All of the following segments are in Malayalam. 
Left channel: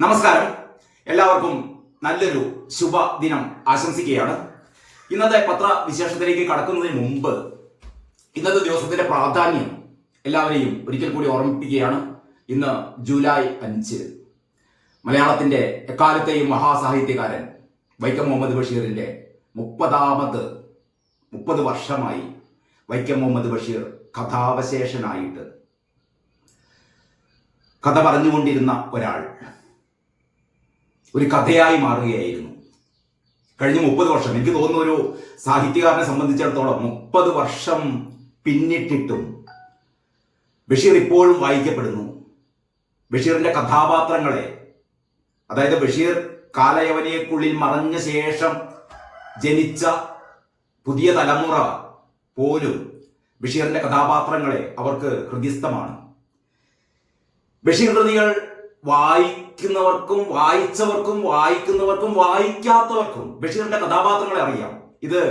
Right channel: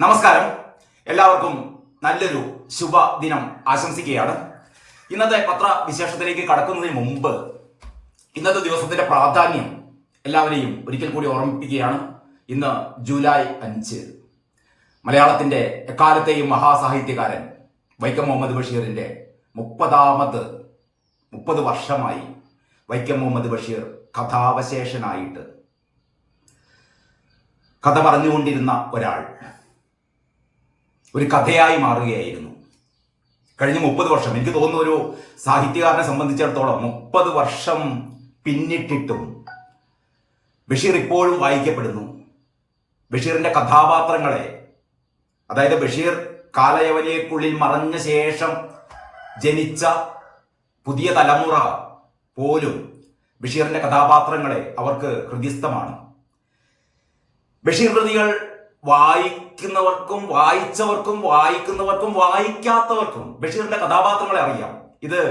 നമസ്കാരം. എല്ലാവർക്കും നല്ലൊരു ശുഭദിനം ആശംസിക്കുകയാണ്. ഇന്നത്തെ പത്രവിശേഷത്തിലേക്ക് കടക്കുന്നതിന് മുമ്പ് ഇന്നത്തെ ദിവസത്തിന്റെ പ്രാധാന്യം എല്ലാവരെയും ഒരിക്കൽ കൂടി ഓർമ്മിപ്പിക്കുകയാണ്. ഇന്ന് ജൂലൈ 5 മലയാളത്തിന്റെ എക്കാലത്തെയും മഹാസാഹിത്യകാരൻ വൈക്കം മുഹമ്മദ് ബഷീറിന്റെ 30 വർഷമായി വൈക്കം മുഹമ്മദ് ബഷീർ കഥാവശേഷനായിട്ട് കഥ പറഞ്ഞുകൊണ്ടിരുന്ന ഒരാൾ ഒരു കഥയായി മാറുകയായിരുന്നു. കഴിഞ്ഞ 30 വർഷം, എനിക്ക് തോന്നുന്നു ഒരു സാഹിത്യകാരനെ സംബന്ധിച്ചിടത്തോളം 30 വർഷം പിന്നിട്ടിട്ടും ബഷീർ ഇപ്പോഴും വായിക്കപ്പെടുന്നു. ബഷീറിന്റെ കഥാപാത്രങ്ങളെ, അതായത് ബഷീർ കാലയവനികൾക്കുള്ളിൽ മറഞ്ഞ ശേഷം ജനിച്ച പുതിയ തലമുറ പോലും ബഷീറിന്റെ കഥാപാത്രങ്ങളെ അവർക്ക് ഹൃദിസ്ഥമാണ്. ബഷീർ കൃതികൾ വായിക്കുന്നവർക്കും വായിക്കുന്നവർക്കും വായിക്കാത്തവർക്കും ബഷീറിന്റെ കഥാപാത്രങ്ങളെ അറിയാം. ഇത്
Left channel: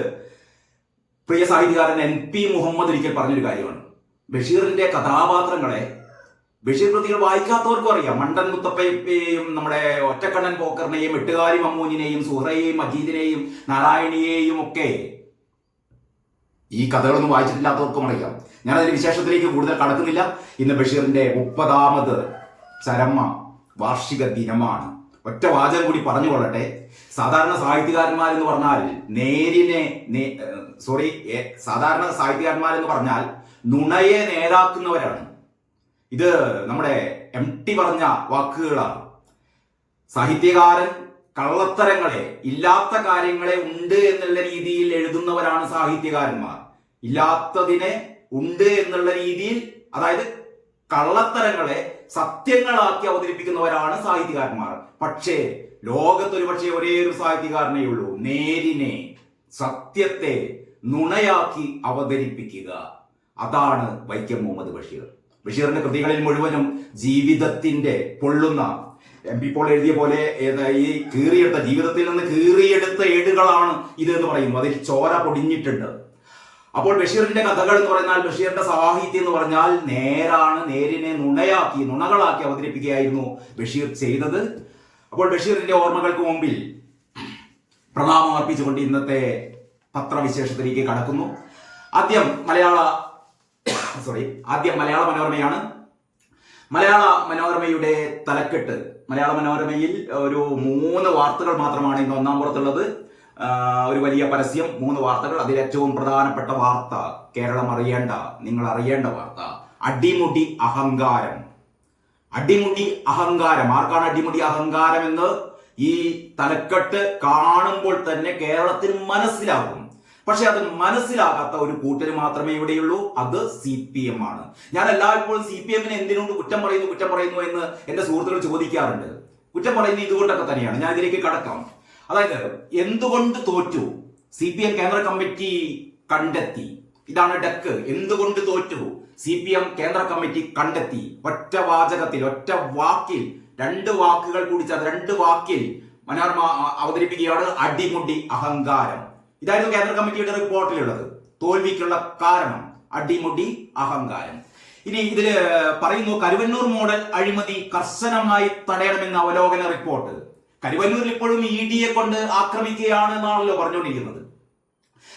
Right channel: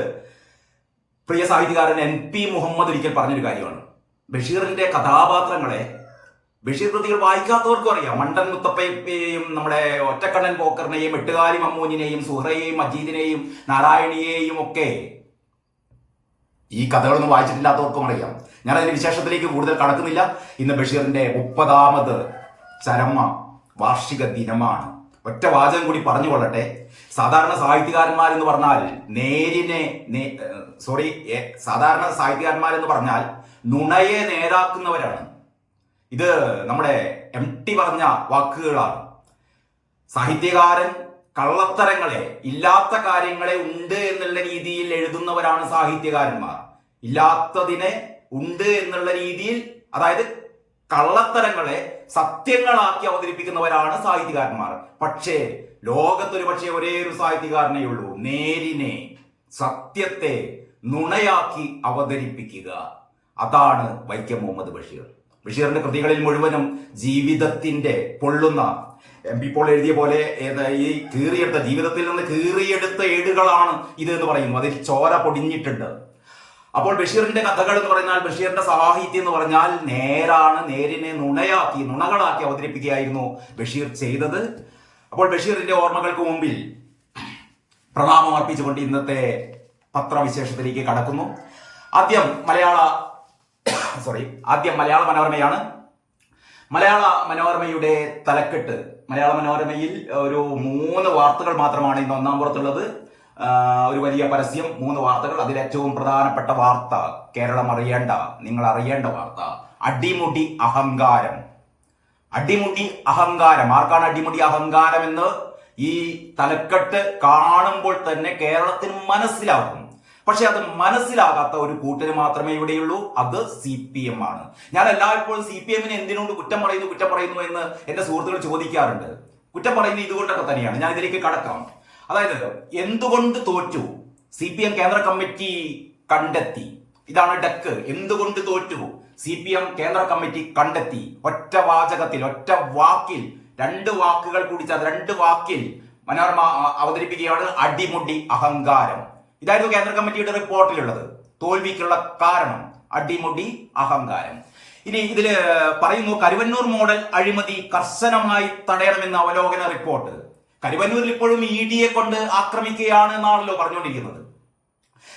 പ്രിയ സാഹിത്യകാരൻ NP മുഹമ്മദ് ഒരിക്കൽ പറഞ്ഞൊരു കാര്യമാണ്. ബഷീറിന്റെ കഥാപാത്രങ്ങളെ ബഷീർ കൃതികൾ വായിക്കാത്തവർക്കും അറിയാം. മണ്ടൻ മുത്തപ്പയെയും നമ്മുടെ ഒറ്റക്കണ്ണൻ പോക്കറിനെയും എട്ടുകാലി മമ്മൂനിനെയും സുഹറയെയും മജീദിനെയും നാരായണിയെയും ഒക്കെ ഈ കഥകളൊന്നും വായിച്ചിട്ടില്ലാത്തവർക്കും അറിയാം. ഞാനതിന് വിശേഷത്തിലേക്ക് കൂടുതൽ കടക്കുന്നില്ല. ഇന്ന് ബഷീറിന്റെ 30ാമത് ചരമ വാർഷിക ദിനമാണ്. ഒറ്റ വാചകം കൂടി പറഞ്ഞുകൊള്ളട്ടെ. സാധാരണ സാഹിത്യകാരന്മാരെന്ന് പറഞ്ഞാൽ നുണയെ നേരാക്കുന്നവരാണ്. ഇത് നമ്മുടെ MT പറഞ്ഞ വാക്കുകളാണ്. സാഹിത്യകാരൻ കള്ളത്തരങ്ങളെ, ഇല്ലാത്ത കാര്യങ്ങളെ ഉണ്ട് എന്നുള്ള രീതിയിൽ എഴുതുന്നവരാണ് സാഹിത്യകാരന്മാർ. ഇല്ലാത്തതിനെ ഉണ്ട് എന്നുള്ള രീതിയിൽ, അതായത് കള്ളത്തരങ്ങളെ സത്യങ്ങളാക്കി അവതരിപ്പിക്കുന്നവരാണ് സാഹിത്യകാരന്മാർ. പക്ഷേ ലോകത്തൊരു പക്ഷേ ഒരേ ഒരു സാഹിത്യകാരനേ ഉള്ളൂ, നേരിനെ, സത്യത്തെ നുണയാക്കി അവതരിപ്പിക്കുക. അതാണ് വൈക്കം മുഹമ്മദ് ബഷീർ. ബഷീറിന്റെ കൃതികളിൽ മുഴുവനും ജീവിതത്തിന്റെ പൊള്ളുന്ന, MP പോൾ എഴുതിയ പോലെ ഈ കീറിയെടുത്ത, ജീവിതത്തിൽ നിന്ന് കീറിയെടുത്ത ഏടുകളാണ് ഇത് എന്ന് പറയുന്നു. അതിൽ ചോര പൊടിഞ്ഞിട്ടുണ്ട്. അപ്പോൾ ബഷീറിന്റെ കഥകൾ എന്ന് പറഞ്ഞാൽ, ബഷീറിന്റെ സാഹിത്യം എന്ന് പറഞ്ഞാൽ നേരാണ്. നേരിനെ നുണകളാക്കി അവതരിപ്പിക്കുകയായിരുന്നു ബഷീർ ചെയ്തത്. അപ്പോൾ ബഷീറിന്റെ ഓർമ്മകൾക്ക് മുമ്പിൽ പ്രണാമം അർപ്പിച്ചുകൊണ്ട് ഇന്നത്തെ പത്രവിശേഷത്തിലേക്ക് കടക്കുന്നു. ആദ്യം മലയാള മനോരമയാണ്. മലയാള മനോരമയുടെ തലക്കെട്ട്, മലയാള മനോരമയിൽ ഒരു 3 വാർത്തകൾ മാത്രമാണ് ഇന്ന് ഒന്നാം പുറത്തുള്ളത്. ഒരു വലിയ പരസ്യം, 3 വാർത്തകൾ. അതിലേറ്റവും പ്രധാനപ്പെട്ട വാർത്ത, കേരളം അറിയേണ്ട, നിങ്ങൾ അറിയേണ്ട വാർത്ത, അടിമുടി അഹങ്കാരം. ആർക്കാണ് അടിമുടി അഹങ്കാരം എന്ന് ഈ തലക്കെട്ട് കാണുമ്പോൾ തന്നെ കേരളത്തിന് മനസ്സിലാകും. പക്ഷെ അത് മനസ്സിലാകാത്ത ഒരു കൂട്ടര് മാത്രമേ ഇവിടെയുള്ളൂ. അത് CPM ആണ്. ഞാൻ എല്ലായ്പ്പോഴും CPM-നെ എന്തിനോട് കുറ്റം പറയുന്നു എന്ന് എന്റെ സുഹൃത്തുക്കൾ ചോദിക്കാറുണ്ട്. കുറ്റം പറയുന്നത് ഇതുകൊണ്ടൊക്കെ തന്നെയാണ്. ഞാൻ ഇതിലേക്ക് കടക്കാം. അതായത് എന്തുകൊണ്ട് തോറ്റു CPM കേന്ദ്ര കമ്മിറ്റി കണ്ടെത്തി. ഇതാണ് ഡെക്ക്. എന്തുകൊണ്ട് തോറ്റു CPM കേന്ദ്ര കമ്മിറ്റി കണ്ടെത്തി. ഒറ്റ വാചകത്തിൽ, ഒറ്റ വാക്കിൽ, 2 വാക്കുകൾ കൂടി ചേർത്ത് 2 വാക്കിൽ മനോരമ അവതരിപ്പിക്കുകയാണ് അടിമുടി അഹങ്കാരം. ഇതായിരുന്നു കേന്ദ്ര കമ്മിറ്റിയുടെ റിപ്പോർട്ടിലുള്ളത്. തോൽവിക്കുള്ള കാരണം അടിമുടി അഹങ്കാരം. ഇനി ഇതില് പറയുന്നു, കരുവന്നൂർ മോഡൽ അഴിമതി കർശനമായി തടയണമെന്ന അവലോകന റിപ്പോർട്ട്. കരുവന്നൂരിൽ ഇപ്പോഴും ED-യെ കൊണ്ട് ആക്രമിക്കുകയാണ് എന്നാണല്ലോ പറഞ്ഞുകൊണ്ടിരിക്കുന്നത്.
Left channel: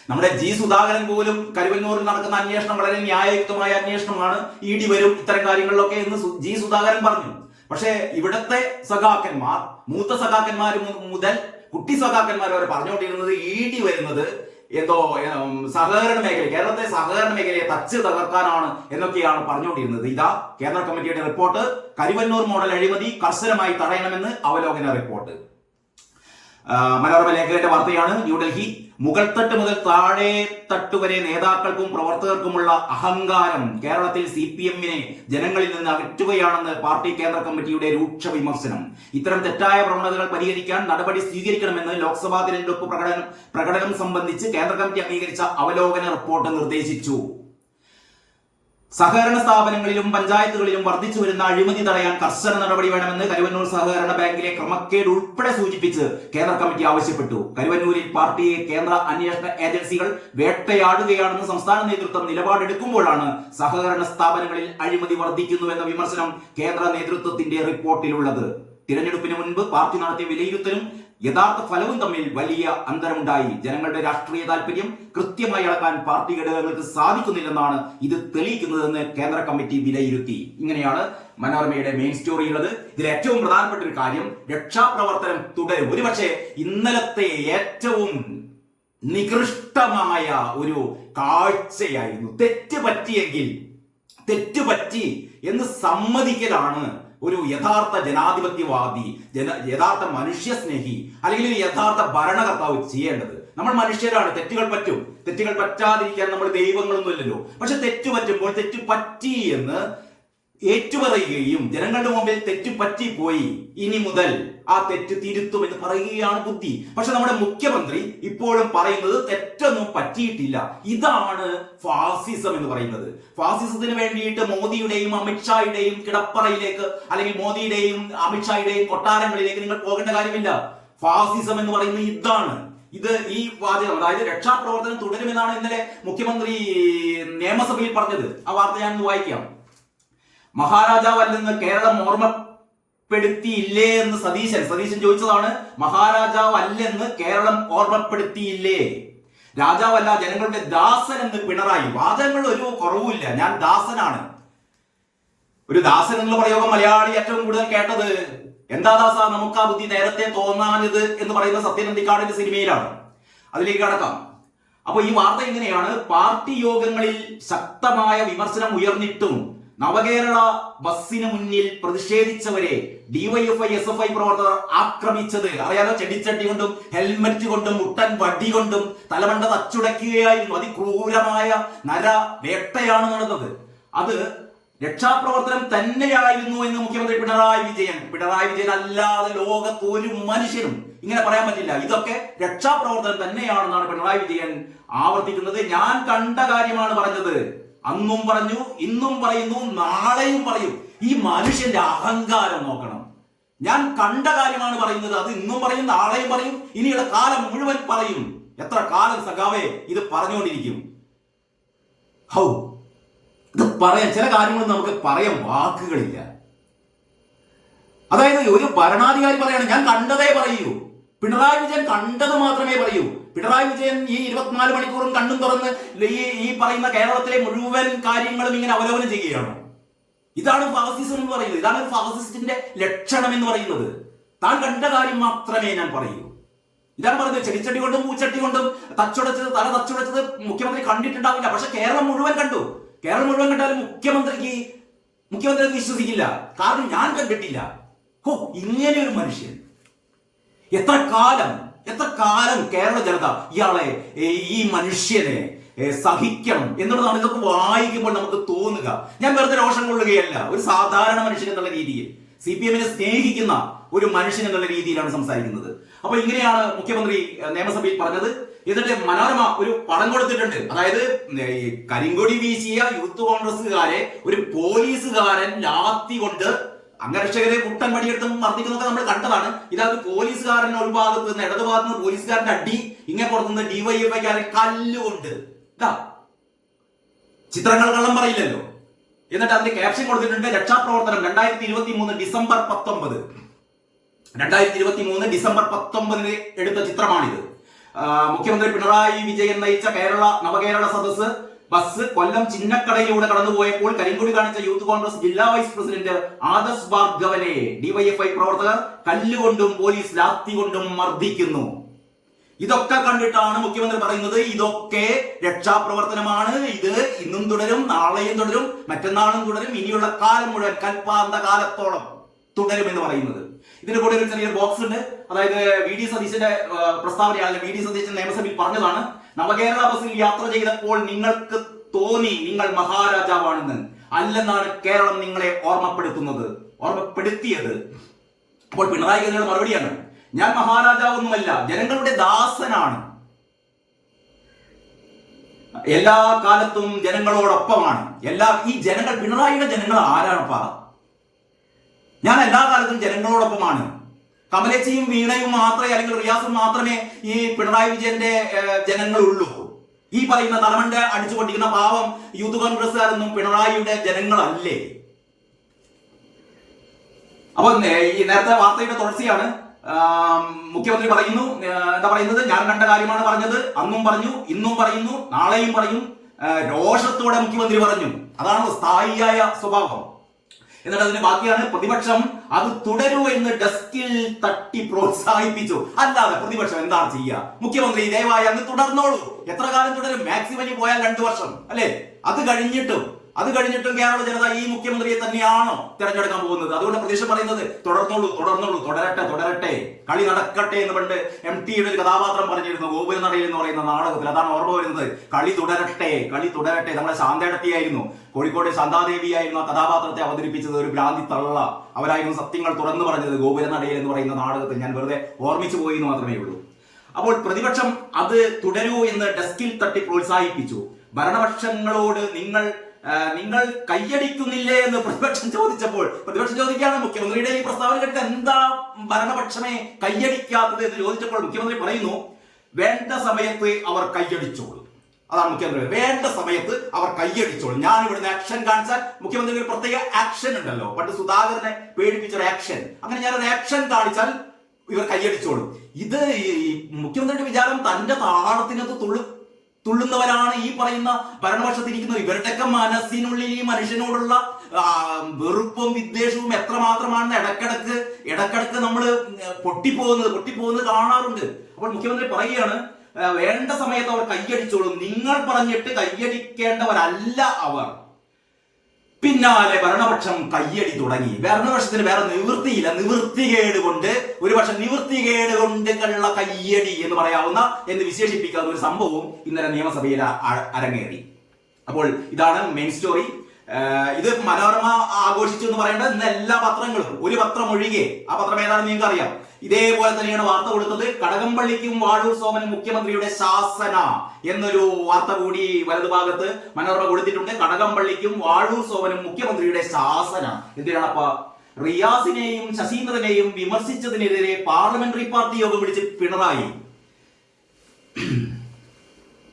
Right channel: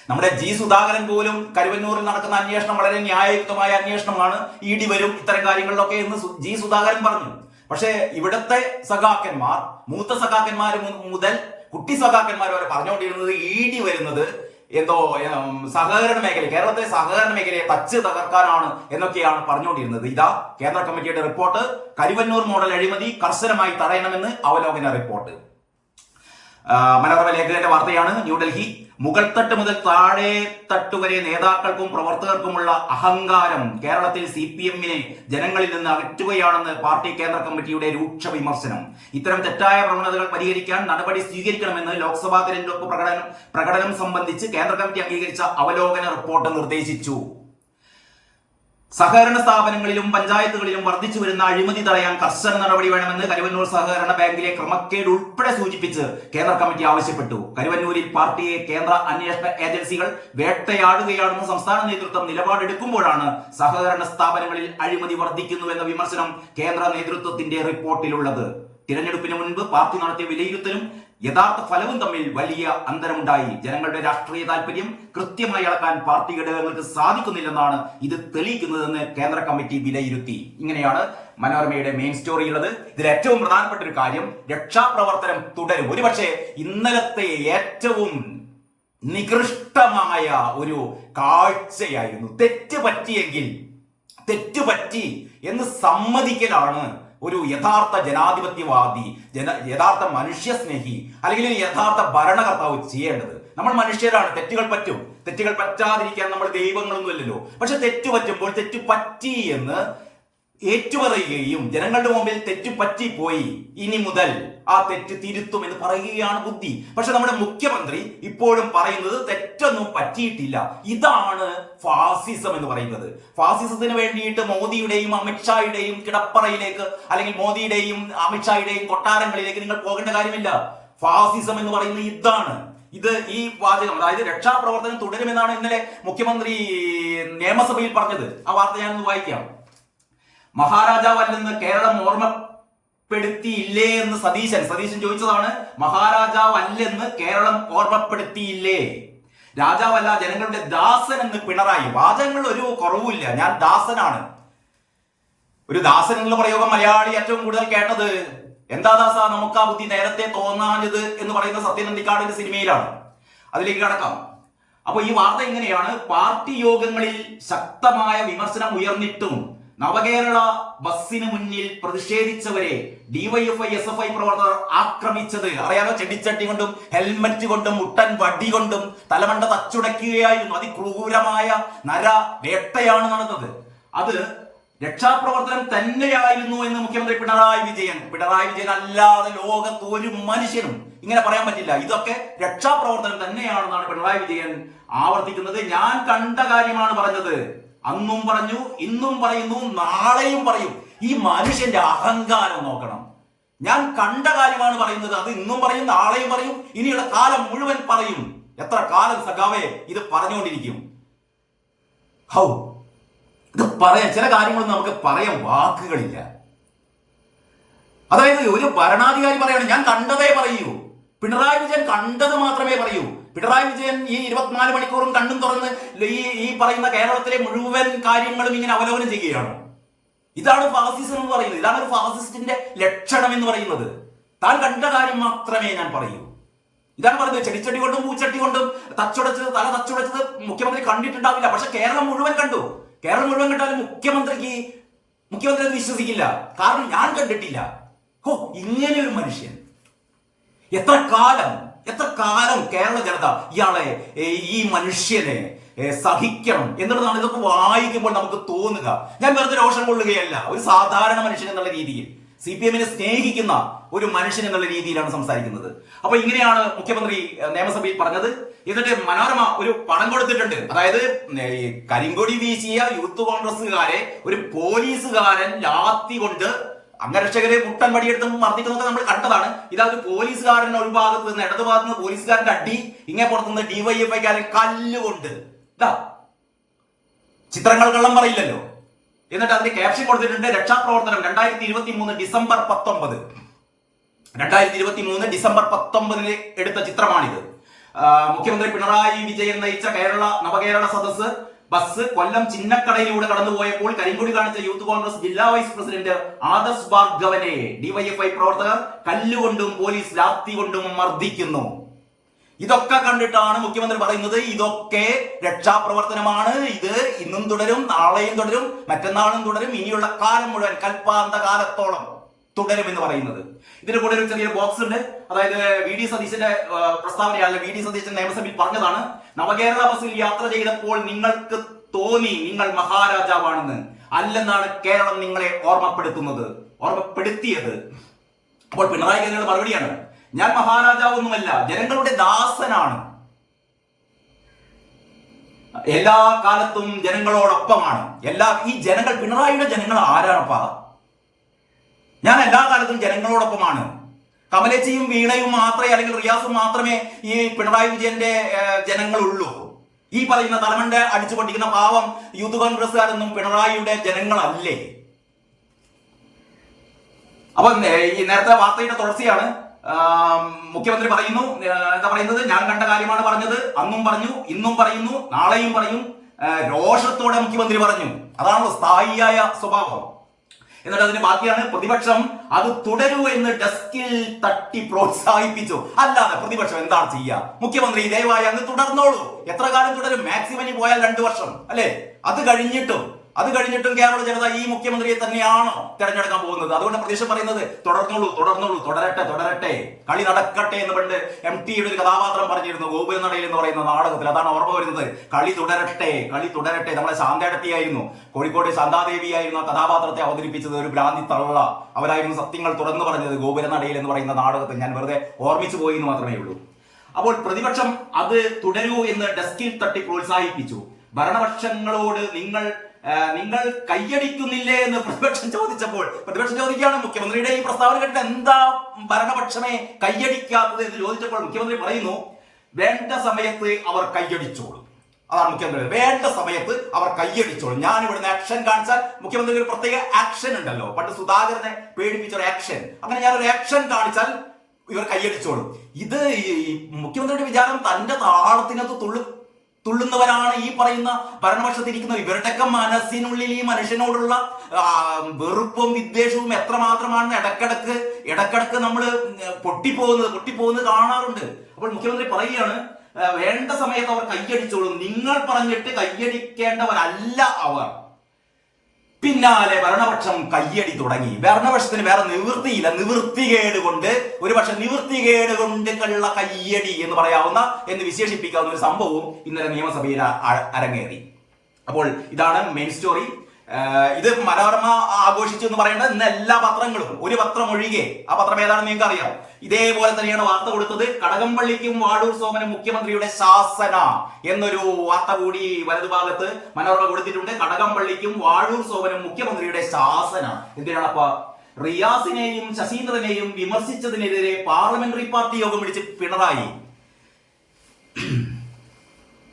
നമ്മുടെ G. സുധാകരൻ പോലും കരുവന്നൂരിൽ നടക്കുന്ന അന്വേഷണം വളരെ ന്യായയുക്തമായ അന്വേഷണമാണ്, ED വരും ഇത്തരം കാര്യങ്ങളിലൊക്കെ എന്ന് G. സുധാകരൻ പറഞ്ഞു. പക്ഷേ ഇവിടത്തെ സഖാക്കന്മാർ, മൂത്ത സഖാക്കന്മാർ മുതൽ കുട്ടി സഖാക്കന്മാർ വരെ പറഞ്ഞുകൊണ്ടിരുന്നത് ED വരുന്നത് എന്തോ സഹകരണ മേഖല, കേരളത്തിലെ സഹകരണ മേഖലയെ തച്ച് തകർക്കാനാണ് എന്നൊക്കെയാണ് പറഞ്ഞുകൊണ്ടിരുന്നത്. ഇതാ കേന്ദ്ര കമ്മിറ്റിയുടെ റിപ്പോർട്ട്. കരുവന്നൂർ മോഡൽ അഴിമതി കർശനമായി തടയണമെന്ന് അവലോകന റിപ്പോർട്ട്. മനോരമ ലേഖകന്റെ വാർത്തയാണ്. ന്യൂഡൽഹി, മുകൾത്തട്ട് മുതൽ താഴെ തട്ടുവരെ നേതാക്കൾക്കും പ്രവർത്തകർക്കുമുള്ള അഹങ്കാരം കേരളത്തിൽ CPM-നെ ജനങ്ങളിൽ നിന്ന് അകറ്റുകയാണെന്ന് പാർട്ടി കേന്ദ്ര കമ്മിറ്റിയുടെ രൂക്ഷ വിമർശനം. ഇത്തരം തെറ്റായ പ്രവണതകൾ പരിഹരിക്കാൻ നടപടി സ്വീകരിക്കണമെന്ന് ലോക്സഭാ തിരഞ്ഞെടുപ്പ് പ്രകടനം സംബന്ധിച്ച് കേന്ദ്ര കമ്മിറ്റി അംഗീകരിച്ച അവലോകന റിപ്പോർട്ട് നിർദ്ദേശിച്ചു. സഹകരണ സ്ഥാപനങ്ങളിലും പഞ്ചായത്തുകളിലും വർദ്ധിച്ചു വരുന്ന അഴിമതി തടയാൻ കർശന നടപടി വേണമെന്ന് കരുവന്നൂർ സഹകരണ ബാങ്കിലെ ക്രമക്കേട് ഉൾപ്പെടെ സൂചിപ്പിച്ച് കേന്ദ്ര കമ്മിറ്റി ആവശ്യപ്പെട്ടു. കരുവന്നൂരിൽ പാർട്ടിയെ കേന്ദ്ര അന്വേഷണ ഏജൻസികൾ വേട്ടയാടുകയാണെന്ന് സംസ്ഥാന നേതൃത്വം നിലപാടെടുക്കുമ്പോഴാണ് സഹകരണ സ്ഥാപനങ്ങളിൽ അഴിമതി വർദ്ധിക്കുന്നുവെന്ന വിമർശനം കേന്ദ്ര നേതൃത്വത്തിന്റെ റിപ്പോർട്ടിലുള്ളത്. തിരഞ്ഞെടുപ്പിന് മുൻപ് പാർട്ടി നടത്തിയ വിലയിരുത്തലും യഥാർത്ഥ ഫലവും തമ്മിൽ വലിയ അന്തരമുണ്ടായി. ജനങ്ങളുടെ രാഷ്ട്രീയ താല്പര്യം കൃത്യമായി അളക്കാൻ പാർട്ടി ഘടകങ്ങൾക്ക് സാധിക്കുന്നില്ലെന്നാണ് ഇത് തെളിയിക്കുന്നതെന്ന് കേന്ദ്ര കമ്മിറ്റി വിലയിരുത്തി. ഇങ്ങനെയാണ് മനോരമയുടെ മെയിൻ സ്റ്റോറി ഉള്ളത്. ഇതിൽ ഏറ്റവും പ്രധാനപ്പെട്ട ഒരു കാര്യം, രക്ഷാപ്രവർത്തനം തുടരും. ഒരുപക്ഷെ ഇന്നലത്തെ ഏറ്റവും നികൃഷ്ടമായ ഒരു കാഴ്ചയായിരുന്നു. തെറ്റുപറ്റി എന്ന് സമ്മതിക്കലാണ് ഒരു യഥാർത്ഥ ജനാധിപത്യവാദി, യഥാർത്ഥ മനുഷ്യസ്നേഹി അല്ലെങ്കിൽ ഒരു യഥാർത്ഥ ഭരണകർത്താവ് ചെയ്യേണ്ടത്. നമ്മൾ മനുഷ്യരാണ്, തെറ്റുകൾ പറ്റാതിരിക്കാൻ നമ്മൾ ദൈവങ്ങളൊന്നുമല്ലല്ലോ. പക്ഷെ തെറ്റ് പറ്റുമ്പോൾ തെറ്റ് പറ്റി എന്ന് ഏറ്റുപറയുകയും ജനങ്ങളുടെ മുമ്പിൽ തെറ്റ് പറ്റിപ്പോയി, ഇനി മുതൽ ആ തെറ്റ് തിരുത്തും എന്ന് പറയുകയാണ് ബുദ്ധി. പക്ഷെ നമ്മുടെ മുഖ്യമന്ത്രി ഇപ്പോഴും പറയുന്നത് തെറ്റൊന്നും പറ്റിയിട്ടില്ല. ഇതാണ് ഫാസിസം എന്ന് പറയുന്നത്. ഫാസിസത്തിന് വേണ്ടിയിട്ട് മോദിയുടെയും അമിത്ഷായുടെയും കിടപ്പറയിലേക്ക് അല്ലെങ്കിൽ മോദിയുടെയും അമിത്ഷായുടെയും കൊട്ടാരങ്ങളിലേക്ക് നിങ്ങൾ പോകേണ്ട കാര്യമില്ല. ഫാസിസം എന്ന് പറയുന്നത് ഇതാണ്. ഈ വാചകം, അതായത് രക്ഷാപ്രവർത്തനം തുടരുമെന്നാണ് ഇന്നലെ മുഖ്യമന്ത്രി നിയമസഭയിൽ പറഞ്ഞത്. ആ വാർത്ത ഞാനൊന്ന് വായിക്കാം. മഹാരാജാവല്ലെന്ന് കേരളം ഓർമ്മപ്പെടുത്തിയില്ലേ എന്ന് സതീശൻ ചോദിച്ചതാണ്. മഹാരാജാവല്ലെന്ന് കേരളം ഓർമ്മപ്പെടുത്തിയില്ലേ? രാജാവല്ല, ജനങ്ങളുടെ ദാസൻ എന്ന് പിണറായി. വാചകങ്ങൾ ഒരു കുറവുമില്ല. ഞാൻ ദാസനാണ്. ഒരു ദാസൻ എന്നുള്ള പ്രയോഗം മലയാളി ഏറ്റവും കൂടുതൽ കേട്ടത് എന്താ ദാസ നമുക്ക് ആ ബുദ്ധി നേരത്തെ തോന്നാഞ്ഞത് എന്ന് പറയുന്ന സത്യൻ അന്തിക്കാടിന്റെ സിനിമയിലാണ്. അതിലേക്ക് കടക്കാം. അപ്പൊ ഈ വാർത്ത ഇങ്ങനെയാണ്. പാർട്ടി യോഗങ്ങളിൽ ശക്തമായ വിമർശനം ഉയർന്നിട്ടും നവകേരള ബസ്സിന് മുന്നിൽ പ്രതിഷേധിച്ചവരെ ഡിവൈഎഫ്ഐ SFI പ്രവർത്തകർ ആക്രമിച്ചത് അറിയാലോ. ചെടിച്ചട്ടി കൊണ്ടും ഹെൽമറ്റ് കൊണ്ടും മുട്ടൻ വടി കൊണ്ടും തലമണ്ട തച്ചുടയ്ക്കുകയായിരുന്നു. അതിക്രൂരമായ വേട്ടയാണ് നടന്നത്. അത് രക്ഷാപ്രവർത്തനം തന്നെയായിരുന്നു എന്ന് മുഖ്യമന്ത്രി പിണറായി വിജയൻ അല്ലാതെ ലോകത്ത് ഒരു മനുഷ്യനും ഇങ്ങനെ പറയാൻ പറ്റില്ല. ഇതൊക്കെ രക്ഷാപ്രവർത്തനം തന്നെയാണെന്നാണ് പിണറായി വിജയൻ ആവർത്തിക്കുന്നത്. ഞാൻ കണ്ട കാര്യമാണ് പറഞ്ഞത്. അന്നും പറഞ്ഞു, ഇന്നും പറയുന്നു, നാളെയും പറയും. ഈ മനുഷ്യന്റെ അഹങ്കാരം നോക്കണം. ഞാൻ കണ്ട കാര്യമാണ് പറയുന്നത്. അത് ഇന്നും പറയും, നാളെയും പറയും, ഇനിയുള്ള കാലം മുഴുവൻ പറയും. എത്ര കാലം സഖാവേ ഇത് പറഞ്ഞുകൊണ്ടിരിക്കും? ഇത് പറയാൻ ചില കാര്യങ്ങളൊന്നും നമുക്ക് പറയാൻ വാക്കുകളില്ല. അതായത് ഒരു ഭരണാധികാരി പറയാണ് ഞാൻ കണ്ടതേ പറയൂ. പിണറായി വിജയൻ കണ്ടത് മാത്രമേ പറയൂ. പിണറായി വിജയൻ ഈ 24 മണിക്കൂറും കണ്ണും തുറന്ന് ഈ പറയുന്ന കേരളത്തിലെ മുഴുവൻ കാര്യങ്ങളും ഇങ്ങനെ അവലോകനം ചെയ്യുകയാണോ? ഇതാണ് ഫാസിസം എന്ന് പറയുന്നത്. ഇതാണ് ഒരു ഫാസിസ്റ്റിന്റെ ലക്ഷണം എന്ന് പറയുന്നത്. താൻ കണ്ട കാര്യം മാത്രമേ ഞാൻ പറയൂ. ഇതാണ് പറയുന്നത്. ചെടിച്ചട്ടി കൊണ്ടും പൂച്ചട്ടി കൊണ്ടും തല തച്ചുടച്ചത് മുഖ്യമന്ത്രി കണ്ടിട്ടുണ്ടാവില്ല. പക്ഷെ കേരളം മുഴുവൻ കണ്ടു. കേരളം മുഴുവൻ കണ്ടാലും മുഖ്യമന്ത്രി അത് വിശ്വസിക്കില്ല. കാരണം ഞാൻ കണ്ടിട്ടില്ല. ഇങ്ങനെ ഒരു മനുഷ്യൻ എത്ര കാലം കേരള ജനത ഈ മനുഷ്യനെ സഹിക്കണം എന്നുള്ളതാണ് ഇതൊക്കെ വായിക്കുമ്പോൾ നമുക്ക് തോന്നുക. ഞാൻ വെറുതെ രോഷം കൊള്ളുകയല്ല. ഒരു സാധാരണ മനുഷ്യൻ എന്നുള്ള രീതിയിൽ, CPM-നെ സ്നേഹിക്കുന്ന ഒരു മനുഷ്യൻ എന്നുള്ള രീതിയിലാണ് സംസാരിക്കുന്നത്. അപ്പൊ ഇങ്ങനെയാണ് മുഖ്യമന്ത്രി നിയമസഭയിൽ പറഞ്ഞത്. എന്നിട്ട് മനോരമ ഒരു പടം കൊടുത്തിട്ടുണ്ട്. അതായത് കരിങ്കൊടി വീശിയ യൂത്ത് കോൺഗ്രസുകാരെ ഒരു പോലീസുകാരൻ ലാത്തി കൊണ്ട് അംഗരക്ഷകരെ മുട്ടൻ വടിയെടുത്ത് മർദ്ദിക്കുന്നതൊക്കെ നമ്മൾ കണ്ടതാണ്. ഇതായത് പോലീസുകാരൻ ഒരു ഭാഗത്ത് നിന്ന് ഇടതു ഭാഗത്ത് നിന്ന് പോലീസുകാരന്റെ അടി, ഇങ്ങനെ പുറത്തുനിന്ന് ഡിവൈഎഫ്ഐക്കാരൻ കല്ലുകൊണ്ട്. ചിത്രങ്ങൾ കള്ളം പറയില്ലല്ലോ. എന്നിട്ട് അതിന്റെ ക്യാപ്ഷൻ കൊടുത്തിട്ടുണ്ട്, രക്ഷാപ്രവർത്തനം 2023 ഡിസംബർ 19. 2023 ഡിസംബർ 19 എടുത്ത ചിത്രമാണിത്. മുഖ്യമന്ത്രി പിണറായി വിജയൻ നയിച്ച നവകേരള സദസ് ബസ് കൊല്ലം ചിന്നക്കടയിലൂടെ കടന്നുപോയപ്പോൾ കരിങ്കൊടി കാണിച്ച യൂത്ത് കോൺഗ്രസ് ജില്ലാ വൈസ് പ്രസിഡന്റ് ആദർശ് ഭാർഗവനെ ഡിവൈഎഫ്ഐ പ്രവർത്തകർ കല്ലുകൊണ്ടും പോലീസ് ലാത്തി കൊണ്ടും മർദ്ദിക്കുന്നു. ഇതൊക്കെ കണ്ടിട്ടാണ് മുഖ്യമന്ത്രി പറയുന്നത് ഇതൊക്കെ രക്ഷാപ്രവർത്തനമാണ്. ഇത് ഇന്നും തുടരും, നാളെയും തുടരും, മറ്റന്നാളും തുടരും, ഇനിയുള്ള കാലം മുഴുവൻ കൽപ്പാന്ത കാലത്തോളം തുടരുമെന്ന് പറയുന്നത്. ഇതിന്റെ കൂടെ ഒരു ചെറിയ ബോക്സ് ഉണ്ട്. അതായത് VD സതീശന്റെ പ്രസ്താവനയാണ്. VD സതീശൻ നിയമസഭയിൽ പറഞ്ഞതാണ്, നവകേരള ബസ്സിൽ യാത്ര ചെയ്തപ്പോൾ നിങ്ങൾക്ക് തോന്നി നിങ്ങൾ മഹാരാജാവാണെന്ന്. അല്ലെന്നാണ് കേരളം നിങ്ങളെ ഓർമ്മപ്പെടുത്തിയത്. അപ്പോൾ പിണറായി വിജയന്റെ മറുപടിയാണ്, ഞാൻ മഹാരാജാവൊന്നുമല്ല, ജനങ്ങളുടെ ദാസനാണ്, എല്ലാ കാലത്തും ജനങ്ങളോടൊപ്പമാണ്. ഈ ജനങ്ങൾ, പിണറായിയുടെ ജനങ്ങൾ ആരാണപ്പാ? ഞാൻ എല്ലാ കാലത്തും ജനങ്ങളോടൊപ്പമാണ്. കമലേച്ചിയും വീണയും മാത്രമേ, അല്ലെങ്കിൽ റിയാസും മാത്രമേ ഈ പിണറായി വിജയന്റെ ജനങ്ങളുള്ളൂ. ഈ പറയുന്ന തലമണ്ട അടിച്ചു പൊട്ടിക്കുന്ന പാവം യൂത്ത് കോൺഗ്രസ്സുകാരൊന്നും പിണറായിയുടെ ജനങ്ങളല്ലേ? അപ്പൊ ഈ നേരത്തെ വാർത്തയുടെ തുടർച്ചയാണ്. മുഖ്യമന്ത്രി പറയുന്നു, എന്താ പറയുന്നത്, ഞാൻ കണ്ട കാര്യമാണ് പറഞ്ഞത്, അന്നും പറഞ്ഞു, ഇന്നും പറയുന്നു, നാളെയും പറയും. രോഷത്തോടെ മുഖ്യമന്ത്രി പറഞ്ഞു. അതാണ് സ്ഥായിയായ സ്വഭാവം. എന്നിട്ട് അതിന് ബാക്കിയാണ് പ്രതിപക്ഷം അത് തുടരൂ എന്ന് ഡെസ്കിൽ തട്ടി പ്രോത്സാഹിപ്പിച്ചു. അല്ലാതെ പ്രതിപക്ഷം എന്താണ് ചെയ്യുക? മുഖ്യമന്ത്രി ദയവായി അങ്ങ് തുടർന്നോളൂ. എത്ര കാലം തുടരും? മാക്സിമം പോയാൽ 2 വർഷം അല്ലെ? അത് കഴിഞ്ഞിട്ടും കേരള ജനത ഈ മുഖ്യമന്ത്രിയെ തന്നെയാണോ തെരഞ്ഞെടുക്കാൻ പോകുന്നത്? അതുകൊണ്ട് പ്രതിപക്ഷം പറയുന്നത് തുടർന്നോളൂ, തുടരട്ടെ, കളി നടക്കട്ടെ എന്ന് പണ്ട് MT യുടെ ഒരു കഥാപാത്രം പറഞ്ഞിരുന്നു ഗോപുരനടയിൽ എന്ന് പറയുന്ന നാടകത്തിൽ. അതാണ് ഓർമ്മ വരുന്നത്. കളി തുടരട്ടെ. നമ്മളെ ശാന്തേടത്തിയായിരുന്നു, കോഴിക്കോട് ശാന്താദേവി ആയിരുന്നു ആ കഥാപാത്രത്തെ അവതരിപ്പിച്ചത്. ഒരു ഭ്രാന്തി തള്ള അവരായിരുന്നു സത്യങ്ങൾ തുറന്നു പറഞ്ഞത് ഗോപുരനടയിൽ എന്ന് പറയുന്ന നാടകത്തിൽ. ഞാൻ വെറുതെ ഓർമ്മിച്ചു പോയി എന്ന് മാത്രമേ ഉള്ളൂ. അപ്പോൾ പ്രതിപക്ഷം അത് തുടരൂ എന്ന് ഡെസ്കിൽ തട്ടി പ്രോത്സാഹിപ്പിച്ചു. ഭരണപക്ഷങ്ങളോട് നിങ്ങൾ കയ്യടിക്കുന്നില്ലേ എന്ന് പ്രതിപക്ഷം ചോദിച്ചപ്പോൾ പ്രതിപക്ഷം ചോദിക്കുകയാണ്, മുഖ്യമന്ത്രിയുടെ ഈ പ്രസ്താവന കേട്ടിട്ട് എന്താ ഭരണപക്ഷമേ കയ്യടിക്കാത്തത് എന്ന് ചോദിച്ചപ്പോൾ മുഖ്യമന്ത്രി പറയുന്നു, വേണ്ട സമയത്ത് അവർ കയ്യടിച്ചോളൂ. അതാണ് മുഖ്യമന്ത്രി, വേണ്ട സമയത്ത് അവർ കയ്യടിച്ചോളൂ. ഞാൻ ഇവിടുന്ന് ആക്ഷൻ കാണിച്ചാൽ മുഖ്യമന്ത്രിക്ക് ഒരു പ്രത്യേക ആക്ഷൻ ഉണ്ടല്ലോ, പണ്ട് സുധാകരനെ പേടിപ്പിച്ച ഒരു ആക്ഷൻ, അങ്ങനെ ഞാനൊരു ആക്ഷൻ കാണിച്ചാൽ ഇവർ കയ്യടിച്ചോളും. ഇത് മുഖ്യമന്ത്രിയുടെ വിചാരം തന്റെ താളത്തിനകത്ത് തുള്ളുന്നവരാണ് ഈ പറയുന്ന ഭരണപക്ഷത്തിരിക്കുന്നത്. ഇവരുടെയൊക്കെ മനസ്സിനുള്ളിൽ ഈ മനുഷ്യനോടുള്ള വെറുപ്പും വിദ്വേഷവും എത്രമാത്രമാണെന്ന് ഇടക്കിടക്ക് നമ്മൾ പൊട്ടിപ്പോകുന്നത് കാണാറുണ്ട്. അപ്പോൾ മുഖ്യമന്ത്രി പറയുകയാണ്, വേണ്ട സമയത്ത് അവർ കയ്യടിച്ചോളും, നിങ്ങൾ പറഞ്ഞിട്ട് കയ്യടിക്കേണ്ടവരല്ല അവർ. പിന്നാലെ ഭരണപക്ഷം കയ്യടി തുടങ്ങി. ഭരണപക്ഷത്തിന് വേറെ നിവൃത്തിയില്ല, നിവൃത്തികേട് കൊണ്ട് ഉള്ള കയ്യടി എന്ന് പറയാവുന്ന, എന്ന് വിശേഷിപ്പിക്കാവുന്ന ഒരു സംഭവവും ഇന്നലെ നിയമസഭയിൽ അരങ്ങേറി. അപ്പോൾ ഇതാണ് മെയിൻ സ്റ്റോറി. ഇത് മനോരമ ആഘോഷിച്ചു എന്ന് പറയേണ്ട ഇന്ന് എല്ലാ പത്രങ്ങളും, ഒരു പത്രം ഒഴികെ, ആ പത്രം ഏതാണെന്ന് നിങ്ങൾക്ക് അറിയാം, ഇതേപോലെ തന്നെയാണ് വാർത്ത കൊടുത്തത്. കടകംപള്ളിക്കും വാഴൂർ സോമനും മുഖ്യമന്ത്രിയുടെ ശാസന എന്നൊരു വാർത്ത കൂടി വലതുഭാഗത്ത് മനോരമ കൊടുത്തിട്ടുണ്ട്. കടകംപള്ളിക്കും വാഴൂർ സോമനും മുഖ്യമന്ത്രിയുടെ ശാസന. എന്തിനാണപ്പ? റിയാസിനെയും ശശീന്ദ്രനെയും വിമർശിച്ചതിനെതിരെ പാർലമെന്ററി പാർട്ടി യോഗം വിളിച്ച് പിണറായി.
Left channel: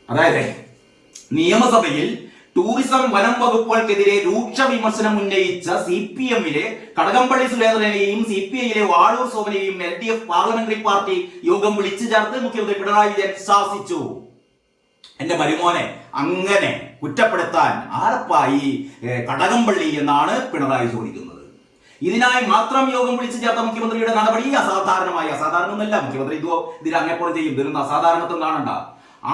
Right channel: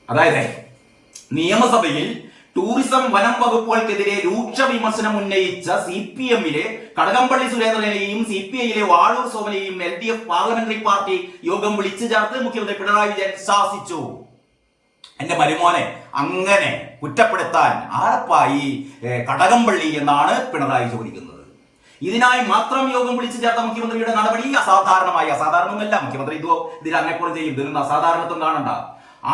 അതായത് നിയമസഭയിൽ ടൂറിസം വനം വകുപ്പുകൾക്കെതിരെ രൂക്ഷ വിമർശനം ഉന്നയിച്ച CPM-ലെ കടകംപള്ളി സുരേന്ദ്രനെയും CPI-യിലെ വാഴൂർ സോമനെയും LDF പാർലമെന്ററി പാർട്ടി യോഗം വിളിച്ചു ചേർത്ത് മുഖ്യമന്ത്രി പിണറായി വിജയൻ ശാസിച്ചു. എന്റെ മരുമോനെ അങ്ങനെ കുറ്റപ്പെടുത്താൻ ആരപ്പായി കടകംപള്ളി എന്നാണ് പിണറായി ചോദിക്കുന്നത്. ഇതിനായി മാത്രം യോഗം വിളിച്ചു ചേർത്ത മുഖ്യമന്ത്രിയുടെ നടപടി അസാധാരണമല്ല. മുഖ്യമന്ത്രി ഇതിൽ അങ്ങേപ്പുറം ചെയ്യും, ഇതിനൊന്നും അസാധാരണത്വം കാണണ്ട.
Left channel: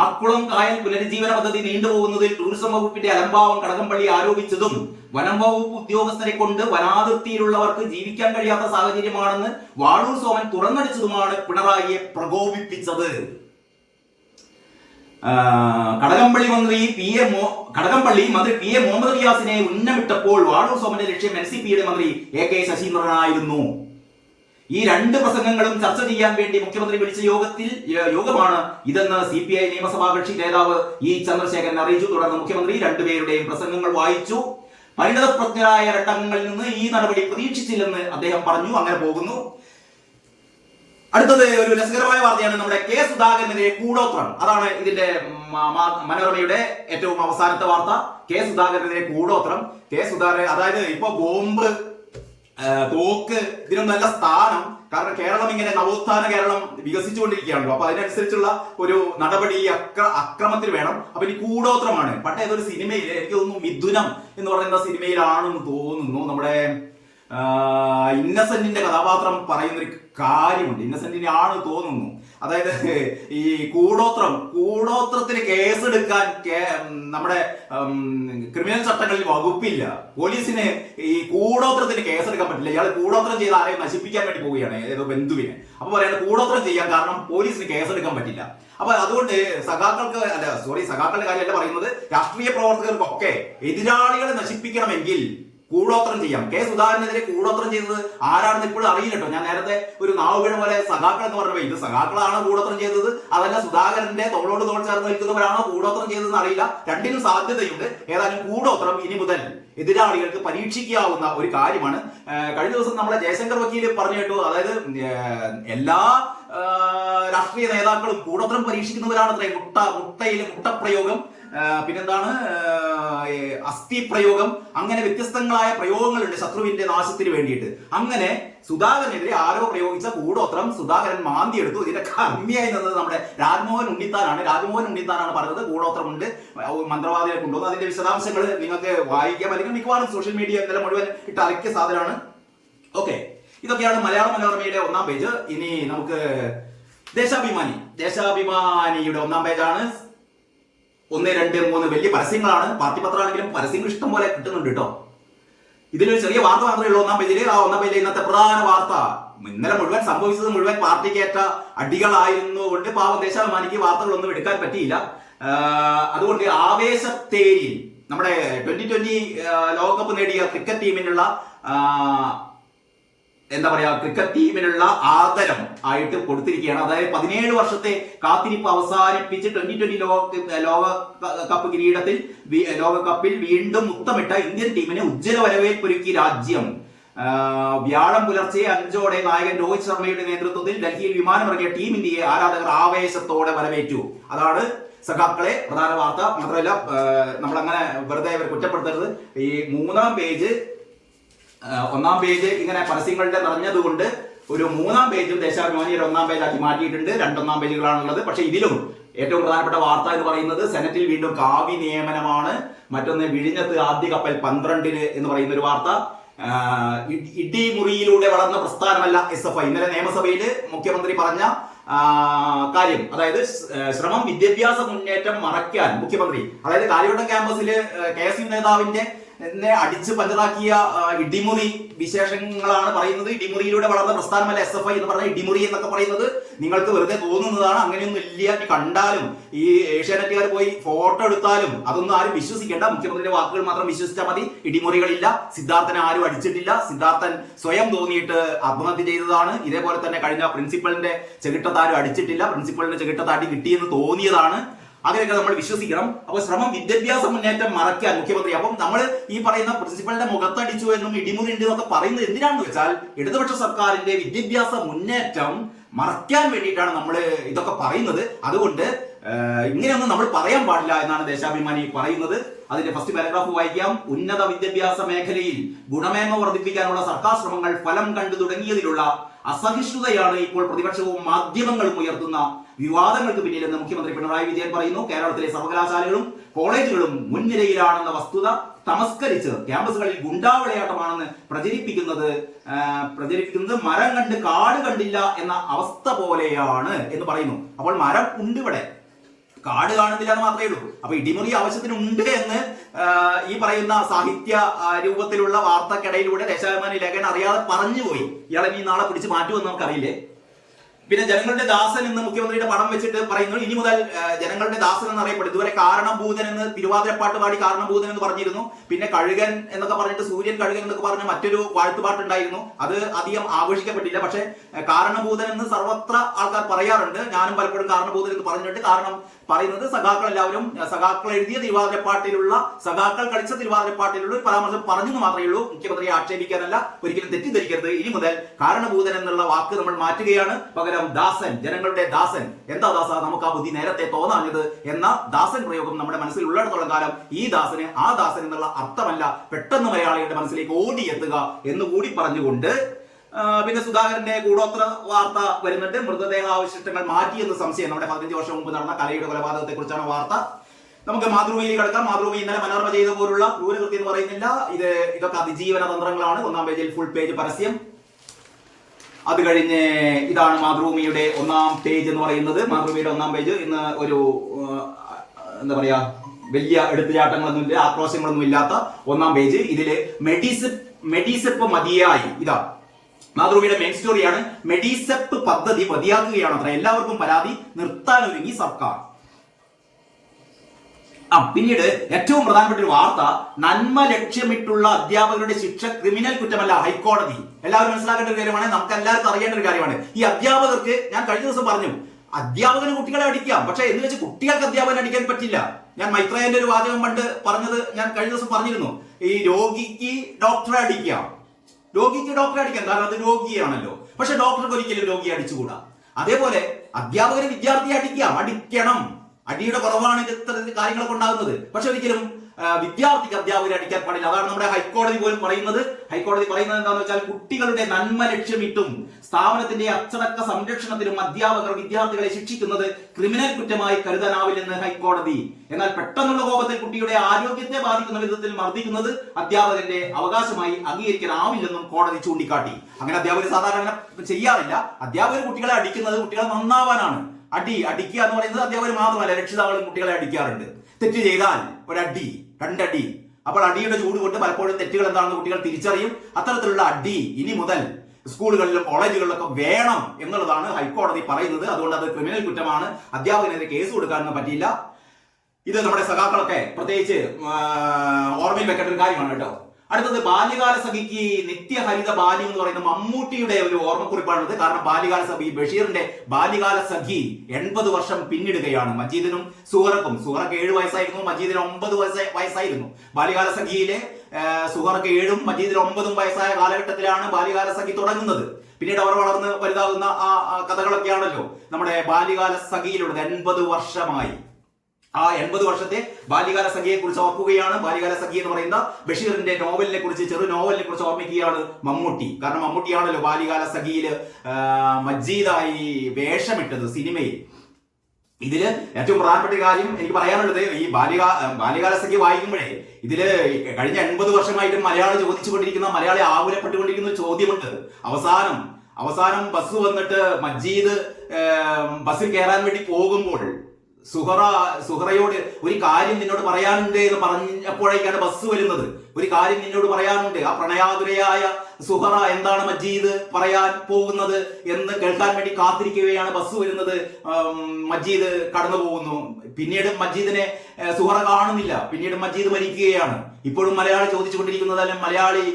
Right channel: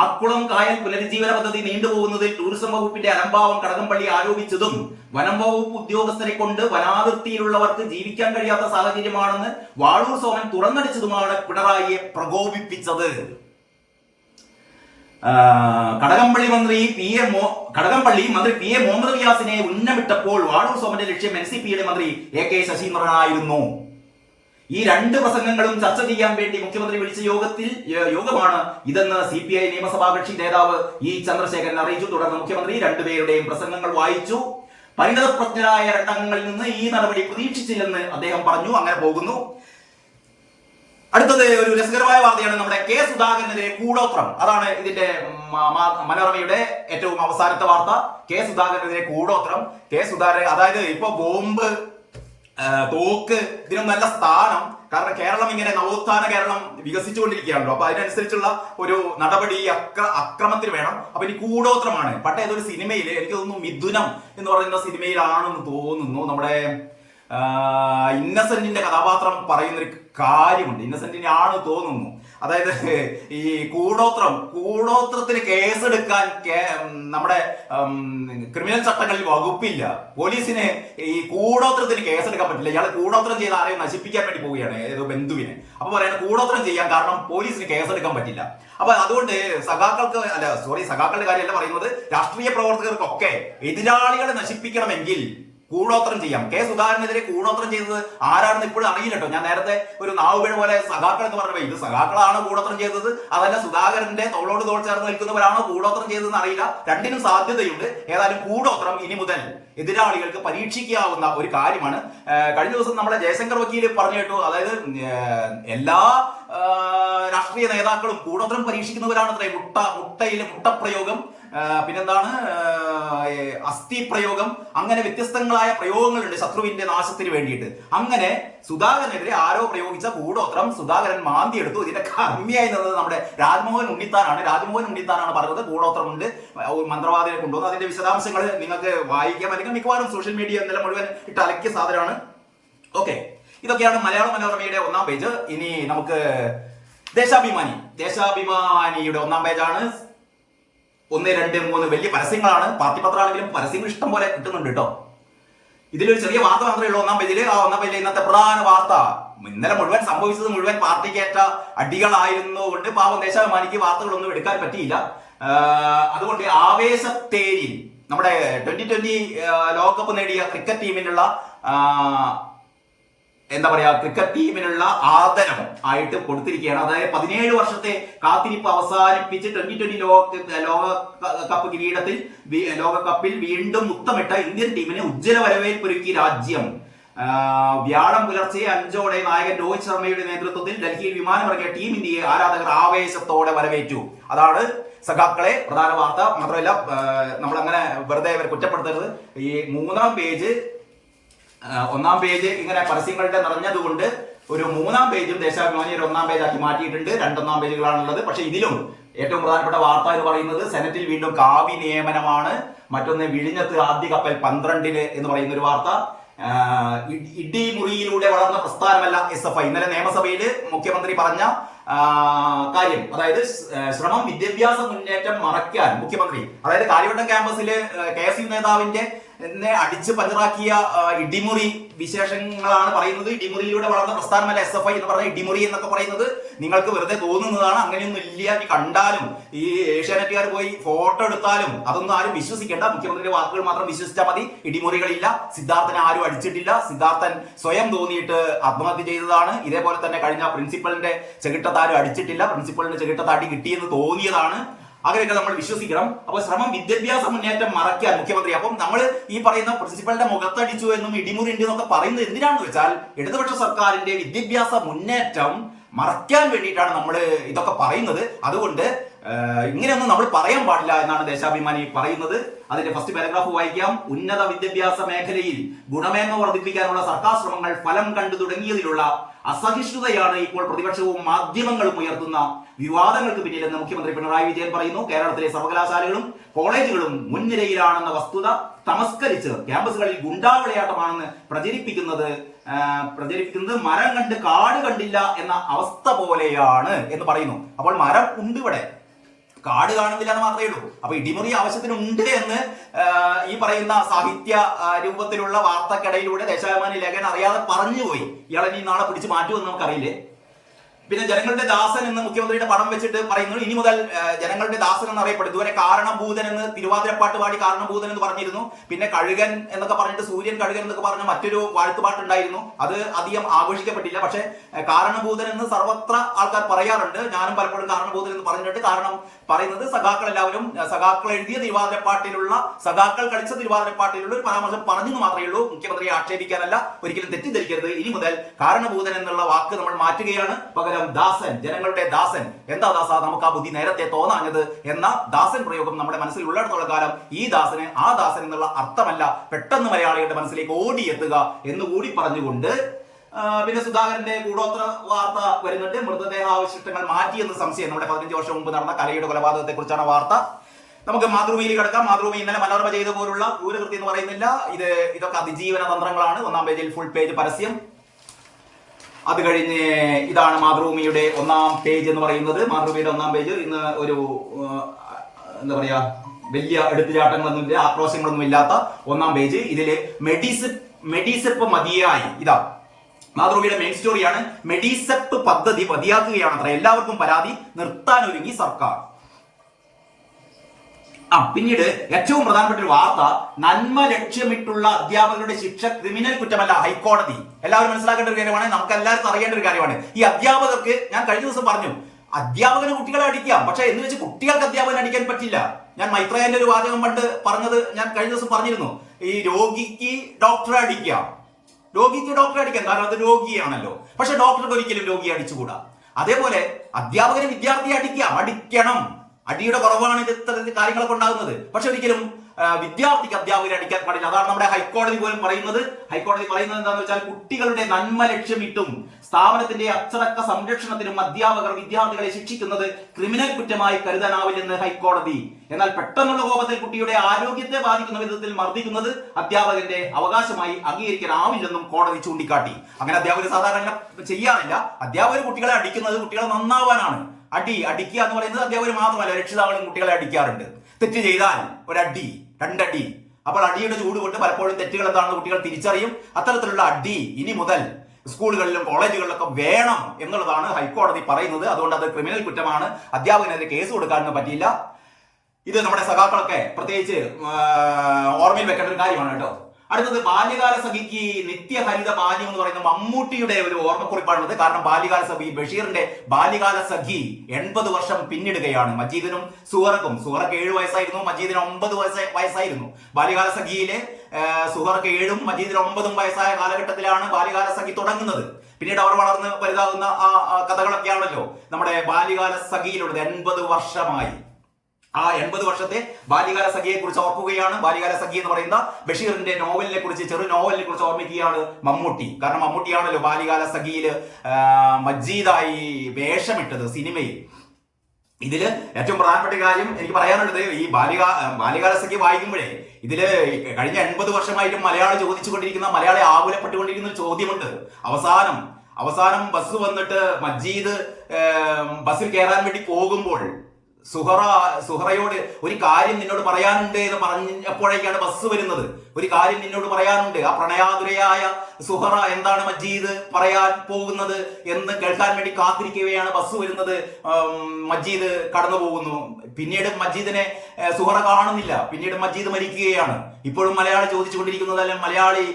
ആക്കുളം കായൽ പുനരുജ്ജീവന പദ്ധതി നീണ്ടുപോകുന്നതിൽ ടൂറിസം വകുപ്പിന്റെ അലംഭാവം കടകംപള്ളി ആരോപിച്ചതും വനം വകുപ്പ് ഉദ്യോഗസ്ഥരെ കൊണ്ട് വനാതിർത്തിയിലുള്ളവർക്ക് ജീവിക്കാൻ കഴിയാത്ത സാഹചര്യമാണെന്ന് വാഴൂർ സോമൻ തുറന്നടിച്ചതുമാണ് പിണറായിയെ പ്രകോപിപ്പിച്ചത്. കടകംപള്ളി മന്ത്രി PA മുഹമ്മദ് റിയാസിനെ ഉന്നമിട്ടപ്പോൾ വാഴൂർ സോമന്റെ ലക്ഷ്യം NCPയുടെ മന്ത്രി AK ശശീന്ദ്രനായിരുന്നു. ഈ 2 പ്രസംഗങ്ങളും ചർച്ച ചെയ്യാൻ വേണ്ടി മുഖ്യമന്ത്രി വിളിച്ച യോഗമാണ് ഇതെന്ന് CPI നിയമസഭാ കക്ഷി നേതാവ് E ചന്ദ്രശേഖരൻ അറിയിച്ചു. തുടർന്ന് മുഖ്യമന്ത്രി 2 പേരുടെയും പ്രസംഗങ്ങൾ വായിച്ചു. പരിണതപ്രജ്ഞരായ 2 അംഗങ്ങളിൽ നിന്ന് ഈ നടപടി പ്രതീക്ഷിച്ചില്ലെന്ന് അദ്ദേഹം പറഞ്ഞു. അങ്ങനെ പോകുന്നു. അടുത്തത് ഒരു രസകരമായ വാർത്തയാണ്. നമ്മുടെ K സുധാകരനെതിരെ കൂടോത്രം. അതാണ് ഇതിന്റെ മനോരമയുടെ ഏറ്റവും അവസാനത്തെ വാർത്ത. K സുധാകരനെതിരെ കൂടോത്രം. K സുധാകരൻ, അതായത് ഇപ്പൊ ബോംബ്, തോക്ക്, ഇതിനും നല്ല സ്ഥാനം. കാരണം കേരളം ഇങ്ങനെ നവോത്ഥാന കേരളം വികസിച്ചുകൊണ്ടിരിക്കുകയാണല്ലോ. അപ്പൊ അതിനനുസരിച്ചുള്ള ഒരു നടപടി അക്രമത്തിന് വേണം. അപ്പൊ ഇനി കൂടോത്രമാണ്. പണ്ട് ഏതൊരു സിനിമയില്, എനിക്ക് തോന്നുന്നു മിഥുനം എന്ന് പറയുന്ന സിനിമയിലാണെന്ന് തോന്നുന്നു, നമ്മുടെ ഇന്നസെന്റിന്റെ കഥാപാത്രം പറയുന്നൊരു കാര്യമുണ്ട്. ഇന്നസെന്റിനെ ആണ് തോന്നുന്നു. അതായത് ഈ കൂടോത്രത്തിന് കേസെടുക്കാൻ നമ്മുടെ ക്രിമിനൽ ചട്ടങ്ങളിൽ വകുപ്പില്ല. പോലീസിന് ഈ കൂടോത്രത്തിന് കേസെടുക്കാൻ പറ്റില്ല. ഇയാൾ കൂടോത്രം ചെയ്ത് ആരെയും നശിപ്പിക്കാൻ വേണ്ടി പോവുകയാണ്, ഏതോ ബന്ധുവിനെ. അപ്പൊ പറയാണ് കൂടോത്രം ചെയ്യാൻ, കാരണം പോലീസിന് കേസെടുക്കാൻ പറ്റില്ല. അപ്പൊ അതുകൊണ്ട് സഖാക്കളുടെ കാര്യമല്ല പറയുന്നത്, രാഷ്ട്രീയ പ്രവർത്തകർക്കൊക്കെ എതിരാളികളെ നശിപ്പിക്കണമെങ്കിൽ കൂടോത്രം ചെയ്യാം. K സുധാകരനെതിരെ കൂടോത്രം ചെയ്തത് ആരാണെന്ന് ഇപ്പോഴും അറിയില്ല കേട്ടോ. ഞാൻ നേരത്തെ ഒരു നാവുപിഴ പോലെ സഖാക്കൾ എന്ന് പറഞ്ഞപ്പോൾ ഇത് സഖാക്കളാണോ കൂടോത്രം ചെയ്തത്, അതല്ല സുധാകരന്റെ തോളോട് തോൾ ചേർന്ന് നിൽക്കുന്നവരാണോ കൂടോത്രം ചെയ്തതെന്ന് അറിയില്ല. രണ്ടിനും സാധ്യതയുണ്ട്. ഏതായാലും കൂടോത്രം ഇനി മുതൽ എതിരാളികൾക്ക് പരീക്ഷിക്കാവുന്ന ഒരു കാര്യമാണ്. കഴിഞ്ഞ ദിവസം നമ്മളെ ജയശങ്കർ വക്കീൽ പറഞ്ഞു കേട്ടു, അതായത് എല്ലാ രാഷ്ട്രീയ നേതാക്കളും കൂടോത്രം പരീക്ഷിക്കുന്നവരാണത്രേ. മുട്ടപ്രയോഗം പിന്നെന്താണ് അസ്ഥി പ്രയോഗം, അങ്ങനെ വ്യത്യസ്തങ്ങളായ പ്രയോഗങ്ങളുണ്ട് ശത്രുവിന്റെ നാശത്തിന് വേണ്ടിയിട്ട്. അങ്ങനെ സുധാകരനെതിരെ ആരോ പ്രയോഗിച്ച കൂടോത്രം സുധാകരൻ മാന്തിയെടുത്തു. ഇതിന്റെ കമ്മിയായി നിന്നത് നമ്മുടെ രാജ്മോഹൻ ഉണ്ണിത്താനാണ്. രാജ്മോഹൻ ഉണ്ണിത്താനാണ് പറഞ്ഞത് കൂടോത്രമുണ്ട്, മന്ത്രവാദിയെ കൊണ്ടുവന്നു. അതിന്റെ വിശദാംശങ്ങൾ നിങ്ങൾക്ക് വായിക്കാം, അല്ലെങ്കിൽ മിക്കവാറും സോഷ്യൽ മീഡിയ ഇന്നലെ മുഴുവൻ ഇട്ട് അലക്കിയ സാധനമാണ്. ഓക്കെ, ഇതൊക്കെയാണ് മലയാള മനോരമയുടെ ഒന്നാം പേജ്. ഇനി നമുക്ക് ദേശാഭിമാനിയുടെ ഒന്നാം പേജാണ്. 1, 2, 3 വലിയ പരസ്യങ്ങളാണ്. പാർട്ടി പത്രമാണെങ്കിലും പരസ്യങ്ങൾ ഇഷ്ടം പോലെ കിട്ടുന്നുണ്ട് കേട്ടോ. ഇതിലൊരു ചെറിയ വാർത്ത മാത്രമേ ഉള്ളൂ ഒന്നാം പേജില്. ആ ഒന്നാം പേജിലെ ഇന്നത്തെ പ്രധാന വാർത്ത, ഇന്നലെ മുഴുവൻ സംഭവിച്ചത് മുഴുവൻ പാർട്ടിക്കേറ്റ അടികളായിരുന്നു കൊണ്ട് പാവം ദേശാഭിമാനിക്ക് വാർത്തകളൊന്നും എടുക്കാൻ പറ്റിയില്ല. അതുകൊണ്ട് ആവേശത്തേരിൽ നമ്മുടെ 2020 ലോകകപ്പ് നേടിയ ക്രിക്കറ്റ് ടീമിനുള്ള ക്രിക്കറ്റ് ടീമിനുള്ള ആദരം ആയിട്ട് കൊടുത്തിരിക്കുകയാണ്. അതായത് 17 വർഷത്തെ കാത്തിരിപ്പ് അവസാനിപ്പിച്ച് 2020 ലോകകപ്പ് കിരീടത്തിൽ ലോകകപ്പിൽ വീണ്ടും മുത്തമിട്ട ഇന്ത്യൻ ടീമിന് ഉജ്ജ്വല വരവേൽപ്പൊരുക്കി രാജ്യം. വ്യാഴം പുലർച്ചെ 5ഓടെ നായകൻ രോഹിത് ശർമ്മയുടെ നേതൃത്വത്തിൽ ഡൽഹിയിൽ വിമാനമിറങ്ങിയ ടീം ഇന്ത്യയെ ആരാധകർ ആവേശത്തോടെ വരവേറ്റു. അതാണ് സഖാക്കളെ പ്രധാന വാർത്ത. മാത്രമല്ല, നമ്മളങ്ങനെ വെറുതെ ഇവരെ കുറ്റപ്പെടുത്തരുത്. ഈ ഒന്നാം പേജ് ഇങ്ങനെ പരസ്യങ്ങളുടെ നിറഞ്ഞതുകൊണ്ട് ഒരു മൂന്നാം പേജും ദേശാഭിമാനി ഒരു ഒന്നാം പേജാക്കി മാറ്റിയിട്ടുണ്ട്. 2 ഒന്നാം പേജുകളാണുള്ളത്. പക്ഷെ ഇതിലും ഏറ്റവും പ്രധാനപ്പെട്ട വാർത്ത എന്ന് പറയുന്നത് സെനറ്റിൽ വീണ്ടും കാവി നിയമനമാണ്. മറ്റൊന്ന് വിഴിഞ്ഞത്ത് ആദ്യ കപ്പൽ 12 എന്ന് പറയുന്ന ഒരു വാർത്ത. ഇടിമുറിയിലൂടെ വളർന്ന പ്രസ്ഥാനമല്ല SFI. ഇന്നലെ നിയമസഭയിൽ മുഖ്യമന്ത്രി പറഞ്ഞ കാര്യം, അതായത് ശ്രമം വിദ്യാഭ്യാസ മുന്നേറ്റം മറയ്ക്കാൻ മുഖ്യമന്ത്രി, അതായത് കാര്യവട്ടം ക്യാമ്പസിൽ KSU നേതാവിന്റെ അടിച്ച് പഞ്ചറാക്കിയ ഇടിമുറി വിശേഷങ്ങളാണ് പറയുന്നത്. ഇടിമുറിയിലൂടെ വളർന്ന പ്രസ്ഥാനമല്ല SFI എന്ന് പറഞ്ഞ ഇടിമുറി എന്നൊക്കെ പറയുന്നത് നിങ്ങൾക്ക് വെറുതെ തോന്നുന്നതാണ്. അങ്ങനെയൊന്നും ഇല്ല. കണ്ടാലും ഈ ഏഷ്യാനെറ്റുകാർ പോയി ഫോട്ടോ എടുത്താലും അതൊന്നും ആരും വിശ്വസിക്കേണ്ട. മുഖ്യമന്ത്രിയുടെ വാക്കുകൾ മാത്രം വിശ്വസിച്ചാൽ മതി. ഇടിമുറികളില്ല. സിദ്ധാർത്ഥനെ ആരും അടിച്ചിട്ടില്ല. സിദ്ധാർത്ഥൻ സ്വയം തോന്നിയിട്ട് ആത്മഹത്യ ചെയ്തതാണ്. ഇതേപോലെ തന്നെ കഴിഞ്ഞ പ്രിൻസിപ്പലിന്റെ ചെകിട്ടത്താരും അടിച്ചിട്ടില്ല. പ്രിൻസിപ്പലിന്റെ ചെകിട്ടത്ത് അടി കിട്ടിയെന്ന് തോന്നിയതാണ്. അങ്ങനെയൊക്കെ നമ്മൾ വിശ്വസിക്കണം. അപ്പൊ ശ്രമം വിദ്യാഭ്യാസ മുന്നേറ്റം മറയ്ക്കാൻ മുഖ്യമന്ത്രി. അപ്പം നമ്മൾ ഈ പറയുന്ന പ്രിൻസിപ്പലിന്റെ മുഖത്തടിച്ചു എന്നും ഇടിമുറി ഉണ്ട് എന്നൊക്കെ പറയുന്നത് എന്തിനാണെന്ന് വെച്ചാൽ ഇടതുപക്ഷ സർക്കാരിന്റെ വിദ്യാഭ്യാസ മുന്നേറ്റം മറയ്ക്കാൻ വേണ്ടിയിട്ടാണ് നമ്മൾ ഇതൊക്കെ പറയുന്നത്. അതുകൊണ്ട് ഇങ്ങനെയൊന്നും നമ്മൾ പറയാൻ പാടില്ല എന്നാണ് ദേശാഭിമാനി പറയുന്നത്. അതിന്റെ ഫസ്റ്റ് പാരഗ്രാഫ് വായിക്കാം. ഉന്നത വിദ്യാഭ്യാസ മേഖലയിൽ ഗുണമേന്മ വർദ്ധിപ്പിക്കാനുള്ള സർക്കാർ ശ്രമങ്ങൾ ഫലം കണ്ടു തുടങ്ങിയതിലുള്ള അസഹിഷ്ണുതയാണ് ഇപ്പോൾ പ്രതിപക്ഷവും മാധ്യമങ്ങളും ഉയർത്തുന്ന വിവാദങ്ങൾക്ക് പിന്നിലെന്ന് മുഖ്യമന്ത്രി പിണറായി വിജയൻ പറയുന്നു. കേരളത്തിലെ സർവകലാശാലകളും കോളേജുകളും മുൻനിരയിലാണെന്ന വസ്തുത തമസ്കരിച്ച് ക്യാമ്പസുകളിൽ ഗുണ്ടാവിളയാട്ടമാണെന്ന് പ്രചരിപ്പിക്കുന്നത് മരം കണ്ട് കാട് കണ്ടില്ല എന്ന അവസ്ഥ പോലെയാണ് എന്ന് പറയുന്നു. അപ്പോൾ മരം ഉണ്ട്, ഇവിടെ കാട് കാണുന്നില്ല എന്ന് മാത്രമേ ഉള്ളൂ. അപ്പൊ ഇടിമുറി ആവശ്യത്തിനുണ്ട് എന്ന് ഈ പറയുന്ന സാഹിത്യ രൂപത്തിലുള്ള വാർത്തക്കിടയിലൂടെ ദേശാഭിമാനി ലേഖകൻ അറിയാതെ പറഞ്ഞുപോയി. ഇയാളെ നീ നാളെ പിടിച്ച് മാറ്റുമെന്ന് നമുക്കറിയില്ലേ. പിന്നെ ജനങ്ങളുടെ ദാസൻ എന്ന് മുഖ്യമന്ത്രിയുടെ പടം വെച്ചിട്ട് പറയുന്നു. ഇനി മുതൽ ജനങ്ങളുടെ ദാസൻ എന്നറിയപ്പെടും. ഇതുവരെ കാരണഭൂതൻ എന്ന് തിരുവാതിരപ്പാട്ട് പാടി കാരണഭൂതൻ എന്ന് പറഞ്ഞിരുന്നു. പിന്നെ കഴുകൻ എന്നൊക്കെ പറഞ്ഞിട്ട് സൂര്യൻ കഴുകൻ എന്നൊക്കെ പറഞ്ഞ മറ്റൊരു വാഴ്ത്തുപാട്ടുണ്ടായിരുന്നു. അത് അധികം ആഘോഷിക്കപ്പെട്ടില്ല. പക്ഷെ കാരണഭൂതൻ എന്ന് സർവത്ര ആൾക്കാർ പറയാറുണ്ട്. ഞാനും പലപ്പോഴും കാരണഭൂതൻ എന്ന് പറഞ്ഞിട്ട്. കാരണം പറയുന്നത് സഖാക്കൾ എല്ലാവരും സഖാക്കൾ എഴുതിയ തിരുവാതിരപ്പാട്ടിലുള്ള സഖാക്കൾ കളിച്ച തിരുവാതിരപ്പാട്ടിലുള്ള ഒരു പരാമർശം പറഞ്ഞു മാത്രമേ ഉള്ളൂ. മുഖ്യമന്ത്രിയെ ആക്ഷേപിക്കാനല്ല, ഒരിക്കലും തെറ്റിദ്ധരിക്കരുത്. ഇനി മുതൽ കാരണഭൂതൻ എന്നുള്ള വാക്ക് നമ്മൾ മാറ്റുകയാണ്. പകരം ദാസൻ, ജനങ്ങളുടെ ദാസൻ. എന്താ ദാസ, നമുക്ക് ആ ബുദ്ധി നേരത്തെ തോന്നാഞ്ഞത് എന്ന ദാസൻ പ്രയോഗം നമ്മുടെ മനസ്സിൽ ഉള്ളിടത്തോളം കാലം ഈ ദാസന് ആ ദാസൻ എന്നുള്ള അർത്ഥമല്ല പെട്ടെന്ന് മലയാളികളുടെ മനസ്സിലേക്ക് ഓടിയെത്തുക എന്നുകൂടി പറഞ്ഞുകൊണ്ട് പിന്നെ സുധാകരന്റെ കൂടോത്ര വാർത്ത വരുന്നുണ്ട്. മൃതദേഹാവശിഷ്ടങ്ങൾ മാറ്റിയെന്ന് സംശയം. നമ്മുടെ 15 വർഷം മുമ്പ് നടന്ന കലയുടെ കൊലപാതകത്തെ കുറിച്ചാണ് വാർത്ത. നമുക്ക് മാതൃഭൂമിയിൽ കിടക്കാം. മാതൃഭൂമി ഇന്നലെ മനോരമ ചെയ്ത പോലുള്ള ക്രൂരകൃത്യം എന്ന് പറയുന്നില്ല. ഇതൊക്കെ അതിജീവന തന്ത്രങ്ങളാണ്. ഒന്നാം പേജിൽ ഫുൾ പേജ് പരസ്യം. അത് കഴിഞ്ഞ് ഇതാണ് മാതൃഭൂമിയുടെ ഒന്നാം പേജ് എന്ന് പറയുന്നത്. മാതൃഭൂമിയുടെ ഒന്നാം പേജ് ഇന്ന് ഒരു എന്താ പറയാ, വലിയ എടുത്തുചാട്ടങ്ങളൊന്നും ഇല്ല, ആക്രോശങ്ങളൊന്നും ഇല്ലാത്ത ഒന്നാം പേജ്. ഇതില് മെഡിസെപ്പ് മതിയായി. ഇതാ മാതൃഭൂമിയുടെ മെയിൻ സ്റ്റോറിയാണ്. മെഡിസെപ്പ് പദ്ധതി മതിയാക്കുകയാണ് അത്ര. എല്ലാവർക്കും പരാതി, നിർത്താനൊരുങ്ങി സർക്കാർ. പിന്നീട് ഏറ്റവും പ്രധാനപ്പെട്ട ഒരു വാർത്ത, നന്മ ലക്ഷ്യമിട്ടുള്ള അധ്യാപകരുടെ ശിക്ഷ ക്രിമിനൽ കുറ്റമല്ല, ഹൈക്കോടതി. എല്ലാവരും മനസ്സിലാക്കേണ്ട ഒരു കാര്യമാണ്, നമുക്ക് എല്ലാവർക്കും അറിയേണ്ട ഒരു കാര്യമാണ്. ഈ അധ്യാപകർക്ക്, ഞാൻ കഴിഞ്ഞ ദിവസം പറഞ്ഞു, അധ്യാപകന് കുട്ടികളെ അടിക്കാം, പക്ഷെ എന്ന് വെച്ച് കുട്ടികൾക്ക് അധ്യാപകനെ അടിക്കാൻ പറ്റില്ല. ഞാൻ മൈത്രേയന്റെ ഒരു വാചകം പണ്ട് പറഞ്ഞത് ഞാൻ കഴിഞ്ഞ ദിവസം പറഞ്ഞിരുന്നു. ഈ രോഗിക്ക് ഡോക്ടറെ അടിക്കാം, കാരണം അത് രോഗിയാണല്ലോ. പക്ഷെ ഡോക്ടർക്ക് ഒരിക്കലും രോഗിയെ അടിച്ചുകൂടാ. അതേപോലെ അധ്യാപകന് വിദ്യാർത്ഥിയെ അടിക്കാം, അടിക്കണം. അടിയുടെ കുറവാണ് ഇത് ഇത്തരത്തിൽ കാര്യങ്ങളൊക്കെ ഉണ്ടാകുന്നത്. പക്ഷെ ഒരിക്കലും വിദ്യാർത്ഥിക്ക് അധ്യാപകരെ അടിക്കാൻ പാടില്ല. അതാണ് നമ്മുടെ ഹൈക്കോടതി പോലും പറയുന്നത്. ഹൈക്കോടതി പറയുന്നത് എന്താണെന്ന് വെച്ചാൽ കുട്ടികളുടെ നന്മ ലക്ഷ്യമിട്ടും സ്ഥാപനത്തിന്റെ അച്ചടക്ക സംരക്ഷണത്തിനും അധ്യാപകർ വിദ്യാർത്ഥികളെ ശിക്ഷിക്കുന്നത് ക്രിമിനൽ കുറ്റമായി കരുതാനാവില്ലെന്ന് ഹൈക്കോടതി. എന്നാൽ പെട്ടെന്നുള്ള കോപത്തിൽ കുട്ടിയുടെ ആരോഗ്യത്തെ ബാധിക്കുന്ന വിധത്തിൽ മർദ്ദിക്കുന്നത് അധ്യാപകന്റെ അവകാശമായി അംഗീകരിക്കാനാവില്ലെന്നും കോടതി ചൂണ്ടിക്കാട്ടി. അങ്ങനെ അധ്യാപകർ സാധാരണ അങ്ങനെ ചെയ്യാറില്ല. അധ്യാപകർ കുട്ടികളെ അടിക്കുന്നത് കുട്ടികളെ നന്നാവാനാണ്. അടിക്കുക എന്ന് പറയുന്നത് അധ്യാപകർ മാത്രമല്ല, രക്ഷിതാക്കളും കുട്ടികളെ അടിക്കാറുണ്ട്. തെറ്റ് ചെയ്താൽ ഒരടി, രണ്ടടി. അപ്പോൾ അടിയുടെ ചൂട് കൊണ്ട് പലപ്പോഴും തെറ്റുകൾ എന്താണെന്ന് കുട്ടികൾ തിരിച്ചറിയും. അത്തരത്തിലുള്ള അടി ഇനി മുതൽ സ്കൂളുകളിലും കോളേജുകളിലൊക്കെ വേണം എന്നുള്ളതാണ് ഹൈക്കോടതി പറയുന്നത്. അതുകൊണ്ട് അത് ക്രിമിനൽ കുറ്റമാണ്. അധ്യാപകനെതിരെ കേസ് കൊടുക്കാനൊന്നും പറ്റിയില്ല. ഇത് നമ്മുടെ സഖാക്കളൊക്കെ പ്രത്യേകിച്ച് ഓർമ്മയിൽ വെക്കേണ്ട ഒരു കാര്യമാണ് കേട്ടോ. അടുത്തത് ബാല്യകാല സഖിക്ക് നിത്യഹരിത ബാല്യം എന്ന് പറയുന്ന മമ്മൂട്ടിയുടെ ഒരു ഓർമ്മക്കുറിപ്പാണത്. കാരണം ബാല്യകാല സഖി ബഷീറിന്റെ ബാല്യകാല സഖി 80 വർഷം പിന്നിടുകയാണ്. മജീദിനും സുഹറക്കും 7 വയസ്സായിരുന്നു, മജീദിന് 9 വയസ്സായിരുന്നു. ബാല്യകാല സഖിയിലെ സുഹറക്ക് 7 മജീദിന് 9 വയസ്സായ കാലഘട്ടത്തിലാണ് ബാല്യകാല സഖി തുടങ്ങുന്നത്. പിന്നീട് അവർ വളർന്ന് വലുതാകുന്ന ആ കഥകളൊക്കെയാണല്ലോ നമ്മുടെ ബാല്യകാല സഖിയിലുള്ളത്. 80 വർഷമായി. ആ 80 വർഷത്തെ ബാല്യകാല സഖിയെ കുറിച്ച് ഓർക്കുകയാണ്. ബാല്യകാല സഖി എന്ന് പറയുന്ന ബഷീറിന്റെ നോവലിനെ കുറിച്ച്, ചെറു നോവലിനെ കുറിച്ച് ഓർമ്മിക്കുകയാണ് മമ്മൂട്ടി. കാരണം മമ്മൂട്ടിയാണല്ലോ ബാല്യകാല സഖിയില് മജീദായി വേഷമിട്ടത് സിനിമയിൽ. ഇതില് ഏറ്റവും പ്രധാനപ്പെട്ട കാര്യം എനിക്ക് പറയാനുള്ളത്, ഈ ബാല്യകാല സഖി വായിക്കുമ്പോഴേ ഇതില് കഴിഞ്ഞ 80 വർഷമായിട്ടും മലയാളി ചോദിച്ചുകൊണ്ടിരിക്കുന്ന, മലയാളി ആകുലപ്പെട്ടുകൊണ്ടിരിക്കുന്ന ഒരു ചോദ്യമുണ്ട്. അവസാനം ബസ് വന്നിട്ട് മജീദ് ബസ്സിൽ കയറാൻ വേണ്ടി പോകുമ്പോൾ സുഹറയോട് ഒരു കാര്യം നിന്നോട് പറയാനുണ്ട് എന്ന് പറഞ്ഞപ്പോഴേക്കാണ് ബസ് വരുന്നത്. ഒരു കാര്യം നിന്നോട് പറയാനുണ്ട്. ആ പ്രണയാതുരയായ സുഹറ എന്താണ് മജീദ് പറയാൻ പോകുന്നത് എന്ന് കേൾക്കാൻ വേണ്ടി കാത്തിരിക്കുകയാണ്. ബസ് വരുന്നത്, മജീദ് കടന്നു പോകുന്നു. പിന്നീട് മജീദിനെ സുഹറ കാണുന്നില്ല. പിന്നീട് മജീദ് മരിക്കുകയാണ്. ഇപ്പോഴും മലയാളി ചോദിച്ചുകൊണ്ടിരിക്കുന്നത്, അല്ലെങ്കിൽ മലയാളി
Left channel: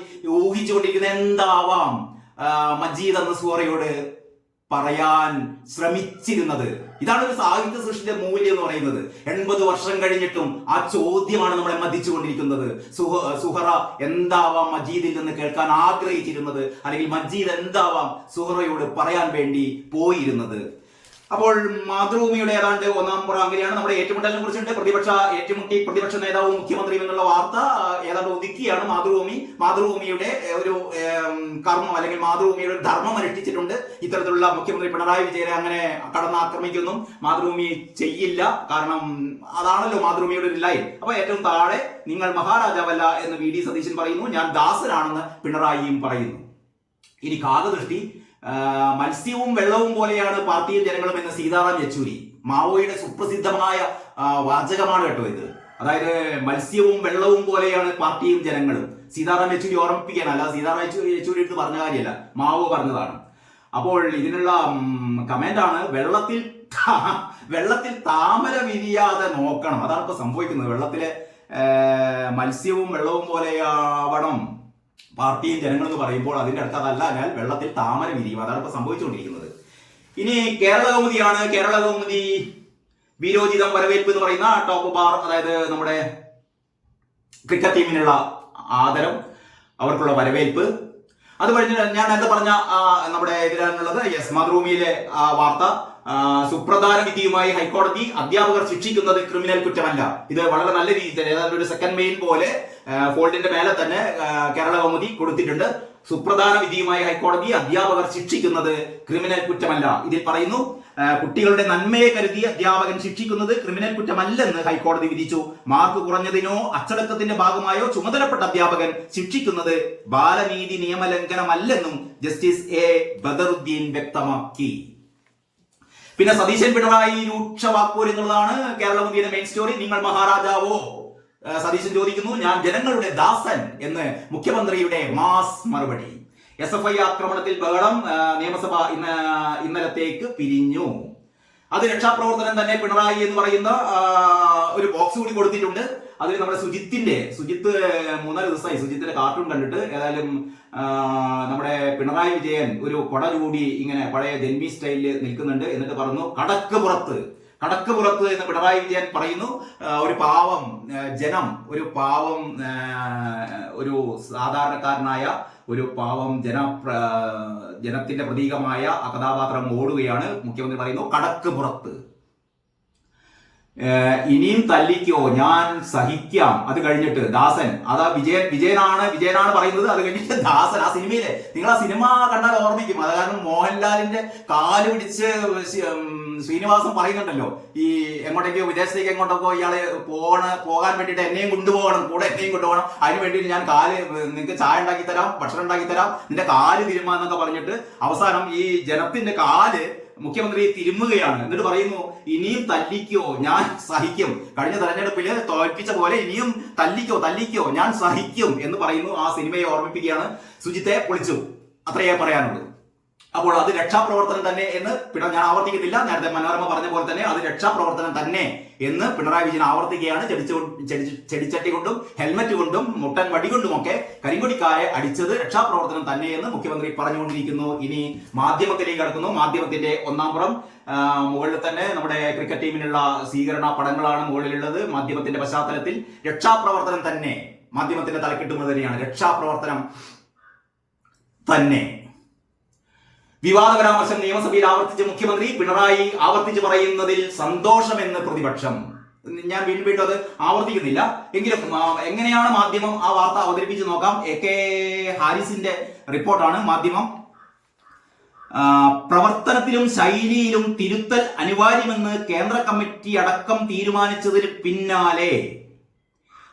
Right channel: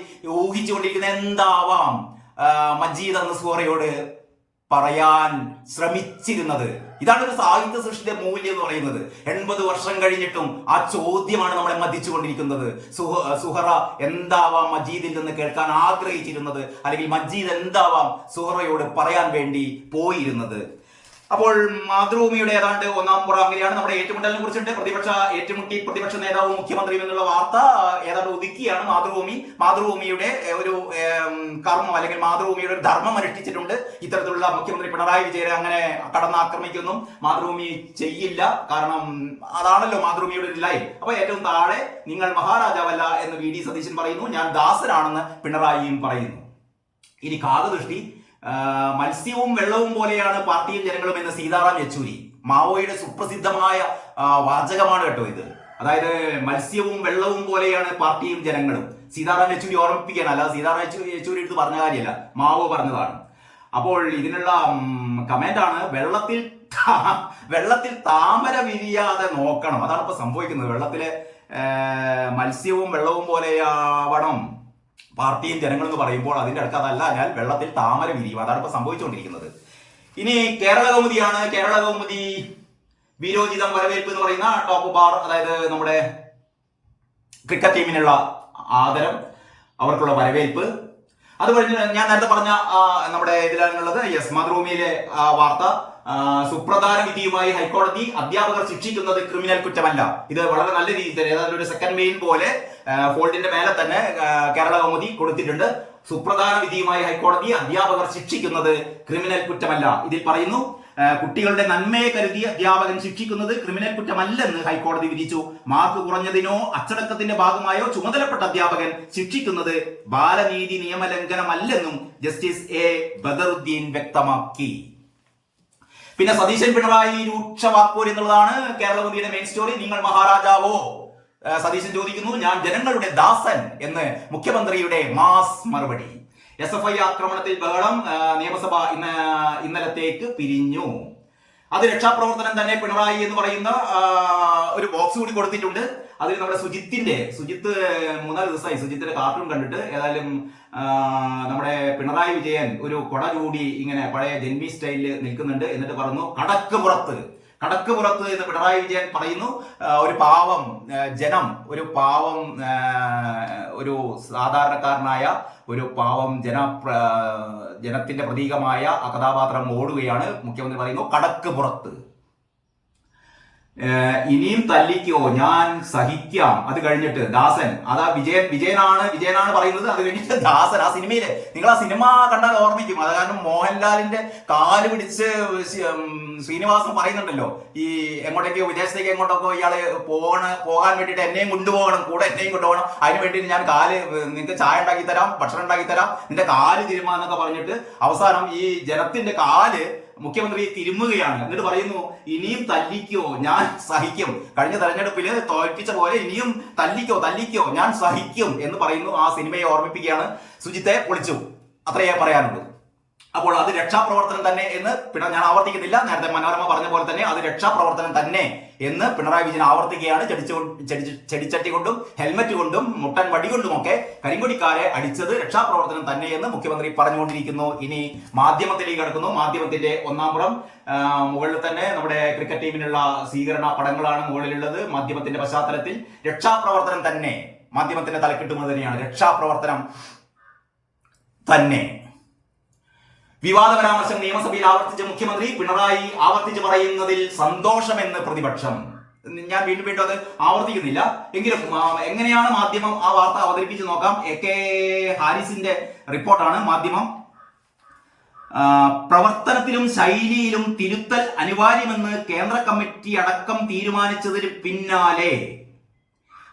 ഊഹിച്ചുകൊണ്ടിരിക്കുന്നത് എന്താവാം മജീദ് എന്ന സുഹറയോട് പറയാൻ ശ്രമിച്ചിരുന്നത്. ഇതാണ് ഒരു സാഹിത്യ സൃഷ്ടിയുടെ മൂല്യം എന്ന് പറയുന്നത്. 80 വർഷം കഴിഞ്ഞിട്ടും ആ ചോദ്യമാണ് നമ്മളെ മതിച്ചുകൊണ്ടിരിക്കുന്നത്. സുഹറ എന്താവാം മജീദിൽ നിന്ന് കേൾക്കാൻ ആഗ്രഹിച്ചിരുന്നത്, അല്ലെങ്കിൽ മജീദ് എന്താവാം സുഹറയോട് പറയാൻ വേണ്ടി പോയിരുന്നത്. അപ്പോൾ മാതൃഭൂമിയുടെ ഏതാണ്ട് 1-ാം പുറം അങ്ങനെയാണ്. നമ്മുടെ ഏറ്റുമുട്ടലിനെ കുറിച്ചുണ്ട്. പ്രതിപക്ഷ നേതാവും മുഖ്യമന്ത്രിയും എന്നുള്ള വാർത്ത ഏതാണ്ട് ഒതുക്കിയാണ് മാതൃഭൂമിയുടെ ഒരു കർമ്മം, അല്ലെങ്കിൽ മാതൃഭൂമിയുടെ ഒരു ധർമ്മം അനുഷ്ഠിച്ചിട്ടുണ്ട്. ഇത്തരത്തിലുള്ള മുഖ്യമന്ത്രി പിണറായി വിജയനെ അങ്ങനെ കടന്നാക്രമിക്കൊന്നും മാതൃഭൂമി ചെയ്യില്ല. കാരണം അതാണല്ലോ മാതൃഭൂമിയുടെ ഒരു ലൈൻ. അപ്പൊ ഏറ്റവും താഴെ നിങ്ങൾ മഹാരാജാവല്ല എന്ന് VD സതീശൻ പറയുന്നു, ഞാൻ ദാസനാണെന്ന് പിണറായിയും പറയുന്നു. ഇനി കാകദൃഷ്ടി, മത്സ്യവും വെള്ളവും പോലെയാണ് പാർട്ടിയും ജനങ്ങളും എന്ന് സീതാറാം യെച്ചൂരി. മാവോയുടെ സുപ്രസിദ്ധമായ വാചകമാണ് കേട്ടോ ഇത്. അതായത് മത്സ്യവും വെള്ളവും പോലെയാണ് പാർട്ടിയും ജനങ്ങളും. സീതാറാം യെച്ചൂരി ഓർമ്മിപ്പിക്കാൻ, അല്ലാതെ സീതാറാം യെച്ചൂരി എടുത്ത് പറഞ്ഞ കാര്യമല്ല, മാവോ പറഞ്ഞതാണ്. അപ്പോൾ ഇതിനുള്ള കമന്റാണ്, വെള്ളത്തിൽ താമര വിരിയാതെ നോക്കണം. അതാണ് ഇപ്പൊ സംഭവിക്കുന്നത്. വെള്ളത്തിലെ മത്സ്യവും വെള്ളവും പോലെയാവണം പാർട്ടിയും ജനങ്ങൾ എന്ന് പറയുമ്പോൾ അതിന്റെ അടുത്ത് അതല്ല, അതിനാൽ വെള്ളത്തിൽ താമര വിരിയും. അതാണ് ഇപ്പൊ സംഭവിച്ചുകൊണ്ടിരിക്കുന്നത്. ഇനി കേരള കൗമുദിയാണ്. കേരള കൗമുദി വീരോചിതം വരവേൽപ്പ് എന്ന് പറയുന്ന ടോപ്പ് ബാർ, അതായത് നമ്മുടെ ക്രിക്കറ്റ് ടീമിനുള്ള ആദരം, അവർക്കുള്ള വരവേൽപ്പ്. അത് കഴിഞ്ഞ് ഞാൻ നേരത്തെ പറഞ്ഞ നമ്മുടെ ഇതിലാണുള്ളത്. മാതൃഭൂമിയിലെ വാർത്ത, സുപ്രധാന വിധിയുമായി ഹൈക്കോടതി, അധ്യാപകർ ശിക്ഷിക്കുന്നത് ക്രിമിനൽ കുറ്റമല്ല. ഇത് വളരെ നല്ല രീതിയിൽ ഏതാണ്ട് ഒരു സെക്കൻഡ് മെയിൽ പോലെ ഫോൾഡിന്റെ മേലെ തന്നെ കേരള കൗമുദി കൊടുത്തിട്ടുണ്ട്. സുപ്രധാന വിധിയുമായി ഹൈക്കോടതി, അധ്യാപകർ ശിക്ഷിക്കുന്നത് ക്രിമിനൽ കുറ്റമല്ല. ഇതിൽ പറയുന്നു, കുട്ടികളുടെ നന്മയെ കരുതി അധ്യാപകൻ ശിക്ഷിക്കുന്നത് ക്രിമിനൽ കുറ്റമല്ലെന്ന് ഹൈക്കോടതി വിധിച്ചു. മാർക്ക് കുറഞ്ഞതിനോ അച്ചടക്കത്തിന്റെ ഭാഗമായോ ചുമതലപ്പെട്ട അധ്യാപകൻ ശിക്ഷിക്കുന്നത് ബാലനീതി നിയമലംഘനമല്ലെന്നും ജസ്റ്റിസ് A ബദറുദ്ദീൻ വ്യക്തമാക്കി. പിന്നെ സതീശൻ പിണറായി രൂക്ഷ വാക്പോര് എന്നുള്ളതാണ് കേരള കൗമുദിയുടെ മെയിൻ സ്റ്റോറി. നിങ്ങൾ മഹാരാജാവോ? സതീശൻ ചോദിക്കുന്നു. ഞാൻ ജനങ്ങളുടെ ദാസൻ എന്ന് മുഖ്യമന്ത്രിയുടെ മാസ് മറുപടി. SFI ആക്രമണത്തിൽ ബഹളം, നിയമസഭ ഇന്നലത്തേക്ക് പിരിഞ്ഞു. അത് രക്ഷാപ്രവർത്തനം തന്നെ. പിണറായി എന്ന് പറയുന്ന ഒരു ബോക്സ് കൂടി കൊടുത്തിട്ടുണ്ട്. അതിൽ നമ്മുടെ സുജിത്ത് 3-4 ദിവസമായി സുജിത്തിന്റെ കാർട്ടൂൺ കണ്ടിട്ട്, ഏതായാലും നമ്മുടെ പിണറായി വിജയൻ ഒരു കൊട ചൂടി ഇങ്ങനെ പഴയ ജന്മി സ്റ്റൈലിൽ നിൽക്കുന്നുണ്ട്. എന്നിട്ട് പറഞ്ഞു കടക്ക് പുറത്ത് എന്ന് പിണറായി വിജയൻ പറയുന്നു. ഒരു പാവം ജനം, ഒരു സാധാരണക്കാരനായ ഒരു പാവം ജനത്തിന്റെ പ്രതീകമായ ആ കഥാപാത്രം ഓടുകയാണ്. മുഖ്യമന്ത്രി പറയുന്നു കടക്ക് പുറത്ത്. ഇനിയും തല്ലിക്കോ ഞാൻ സഹിക്കാം. അത് കഴിഞ്ഞിട്ട് ദാസൻ, അതാ വിജയനാണ് പറയുന്നത്. അത് കഴിഞ്ഞിട്ട് ദാസൻ, ആ സിനിമയിലെ നിങ്ങൾ ആ സിനിമ കണ്ടാൽ ഓർമ്മിക്കും. അത് കാരണം മോഹൻലാലിന്റെ കാല് പിടിച്ച് ശ്രീനിവാസൻ പറയുന്നുണ്ടല്ലോ, ഈ എങ്ങോട്ടേക്കോ വിദേശത്തേക്ക് എങ്ങോട്ടൊക്കെ ഇയാളെ പോകാൻ വേണ്ടിയിട്ട് എന്നെയും കൊണ്ടുപോകണം, കൂടെ എന്നെയും കൊണ്ടുപോകണം, അതിന് വേണ്ടിയിട്ട് ഞാൻ നിങ്ങൾക്ക് ചായ ഉണ്ടാക്കി തരാം, ഭക്ഷണം ഉണ്ടാക്കി തരാം, നിന്റെ കാല് തിരുമാന്നൊക്കെ പറഞ്ഞിട്ട് അവസാനം ഈ ജനത്തിന്റെ കാല് മുഖ്യമന്ത്രി തിരുമുകയാണ്. എന്നിട്ട് പറയുന്നു ഇനിയും തല്ലിക്കോ ഞാൻ സഹിക്കും. കഴിഞ്ഞ തെരഞ്ഞെടുപ്പിൽ തോൽപ്പിച്ച പോലെ ഇനിയും തല്ലിക്കോ ഞാൻ സഹിക്കും എന്ന് പറയുന്നു. ആ സിനിമയെ ഓർമ്മിപ്പിക്കുകയാണ്. സുജിത്തെ പൊളിച്ചു, അത്രയേ പറയാനുള്ളൂ. അപ്പോൾ അത് രക്ഷാപ്രവർത്തനം തന്നെ എന്ന് ഞാൻ ആവർത്തിക്കുന്നില്ല. നേരത്തെ മനോരമ പറഞ്ഞ പോലെ തന്നെ അത് രക്ഷാപ്രവർത്തനം തന്നെ എന്ന് പിണറായി വിജയൻ ആവർത്തിക്കുകയാണ്. ചെടിച്ചട്ടി കൊണ്ടും ഹെൽമറ്റ് കൊണ്ടും മുട്ടൻ വടി കൊണ്ടുമൊക്കെ കരിങ്കൊടിക്കാരെ അടിച്ചത് രക്ഷാപ്രവർത്തനം തന്നെ എന്ന് മുഖ്യമന്ത്രി പറഞ്ഞുകൊണ്ടിരിക്കുന്നു. ഇനി മാധ്യമത്തിലേക്ക് കടക്കുന്നു. മാധ്യമത്തിന്റെ ഒന്നാം പുറം മുകളിൽ തന്നെ നമ്മുടെ ക്രിക്കറ്റ് ടീമിനുള്ള സ്വീകരണ പടങ്ങളാണ് മുകളിലുള്ളത്. മാധ്യമത്തിന്റെ പശ്ചാത്തലത്തിൽ രക്ഷാപ്രവർത്തനം തന്നെ, മാധ്യമത്തിന്റെ തലക്കെട്ടുന്നത് തന്നെയാണ് രക്ഷാപ്രവർത്തനം തന്നെ. വിവാദ പരാമർശം നിയമസഭയിൽ ആവർത്തിച്ച മുഖ്യമന്ത്രി, പിണറായി ആവർത്തിച്ച് പറയുന്നതിൽ സന്തോഷമെന്ന് പ്രതിപക്ഷം. ഞാൻ വീണ്ടും അത് ആവർത്തിക്കുന്നില്ല. എങ്കിലും എങ്ങനെയാണ് മാധ്യമം ആ വാർത്ത അവതരിപ്പിച്ച് നോക്കാം. AK ഹാരിസിന്റെ റിപ്പോർട്ടാണ്. മാധ്യമം പ്രവർത്തനത്തിലും ശൈലിയിലും തിരുത്തൽ അനിവാര്യമെന്ന് കേന്ദ്ര കമ്മിറ്റി അടക്കം തീരുമാനിച്ചതിന് പിന്നാലെ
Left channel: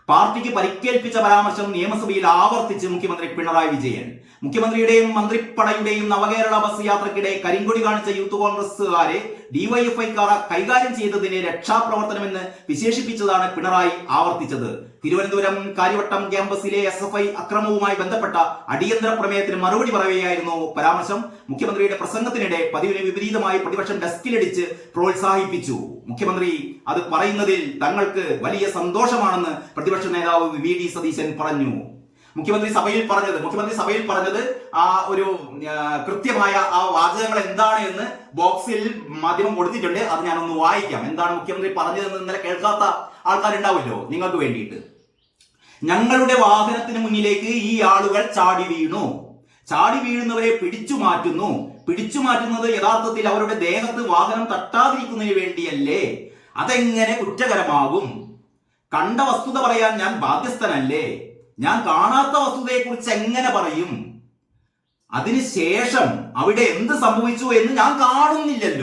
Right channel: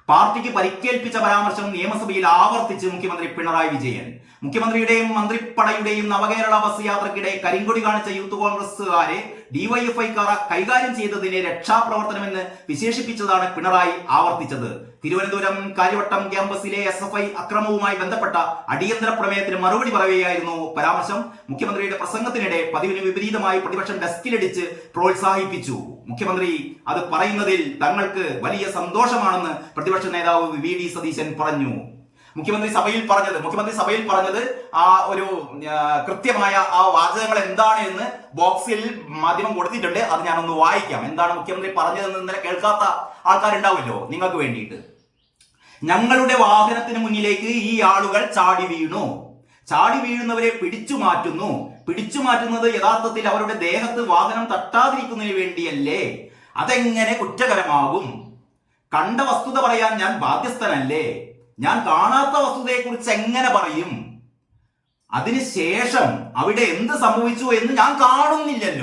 പാർട്ടിക്ക് പരിക്കേൽപ്പിച്ച പരാമർശം നിയമസഭയിൽ ആവർത്തിച്ച് മുഖ്യമന്ത്രി പിണറായി വിജയൻ. മുഖ്യമന്ത്രിയുടെയും മന്ത്രിപ്പടയുടെയും നവകേരള ബസ് യാത്രക്കിടെ കരിങ്കൊടി കാണിച്ച യൂത്ത് കോൺഗ്രസുകാരെ ഡിവൈഎഫ്ഐക്കാർ കൈകാര്യം ചെയ്തതിനെ രക്ഷാപ്രവർത്തനമെന്ന് വിശേഷിപ്പിച്ചതാണ് പിണറായി ആവർത്തിച്ചത്. തിരുവനന്തപുരം കാര്യവട്ടം ക്യാമ്പസിലെ SFI അക്രമവുമായി ബന്ധപ്പെട്ട അടിയന്തര പ്രമേയത്തിന് മറുപടി പറയുകയായിരുന്നു പരാമർശം. മുഖ്യമന്ത്രിയുടെ പ്രസംഗത്തിനിടെ പതിവിന് വിപരീതമായി പ്രതിപക്ഷം ഡെസ്കിലടിച്ച് പ്രോത്സാഹിപ്പിച്ചു. മുഖ്യമന്ത്രി അത് പറയുന്നതിൽ തങ്ങൾക്ക് വലിയ സന്തോഷമാണെന്ന് പ്രതിപക്ഷ നേതാവ് VD സതീശൻ പറഞ്ഞു. മുഖ്യമന്ത്രി സഭയിൽ പറഞ്ഞത് ആ ഒരു കൃത്യമായ ആ വാചകങ്ങൾ എന്താണ് എന്ന് ബോക്സിൽ മാധ്യമം കൊടുത്തിട്ടുണ്ട്. അത് ഞാനൊന്ന് വായിക്കാം. എന്താണ് മുഖ്യമന്ത്രി പറഞ്ഞതെന്ന് ഇന്നലെ കേൾക്കാത്ത ആൾക്കാരുണ്ടാവുമല്ലോ, നിങ്ങൾക്ക് വേണ്ടിയിട്ട്. ഞങ്ങളുടെ വാഹനത്തിന് മുന്നിലേക്ക് ഈ ആളുകൾ ചാടി വീഴുന്നവരെ പിടിച്ചു മാറ്റുന്നത് യഥാർത്ഥത്തിൽ അവരുടെ ദേഹത്ത് വാഹനം തട്ടാതിരിക്കുന്നതിന് വേണ്ടിയല്ലേ? അതെങ്ങനെ കുറ്റകരമാകും? കണ്ട വസ്തുത പറയാൻ ഞാൻ ബാധ്യസ്ഥനല്ലേ? ഞാൻ കാണാത്ത വസ്തുതയെക്കുറിച്ച് എങ്ങനെ പറയും? അതിനുശേഷം അവിടെ എന്ത് സംഭവിച്ചു എന്ന് ഞാൻ കാണുന്നില്ലല്ലോ.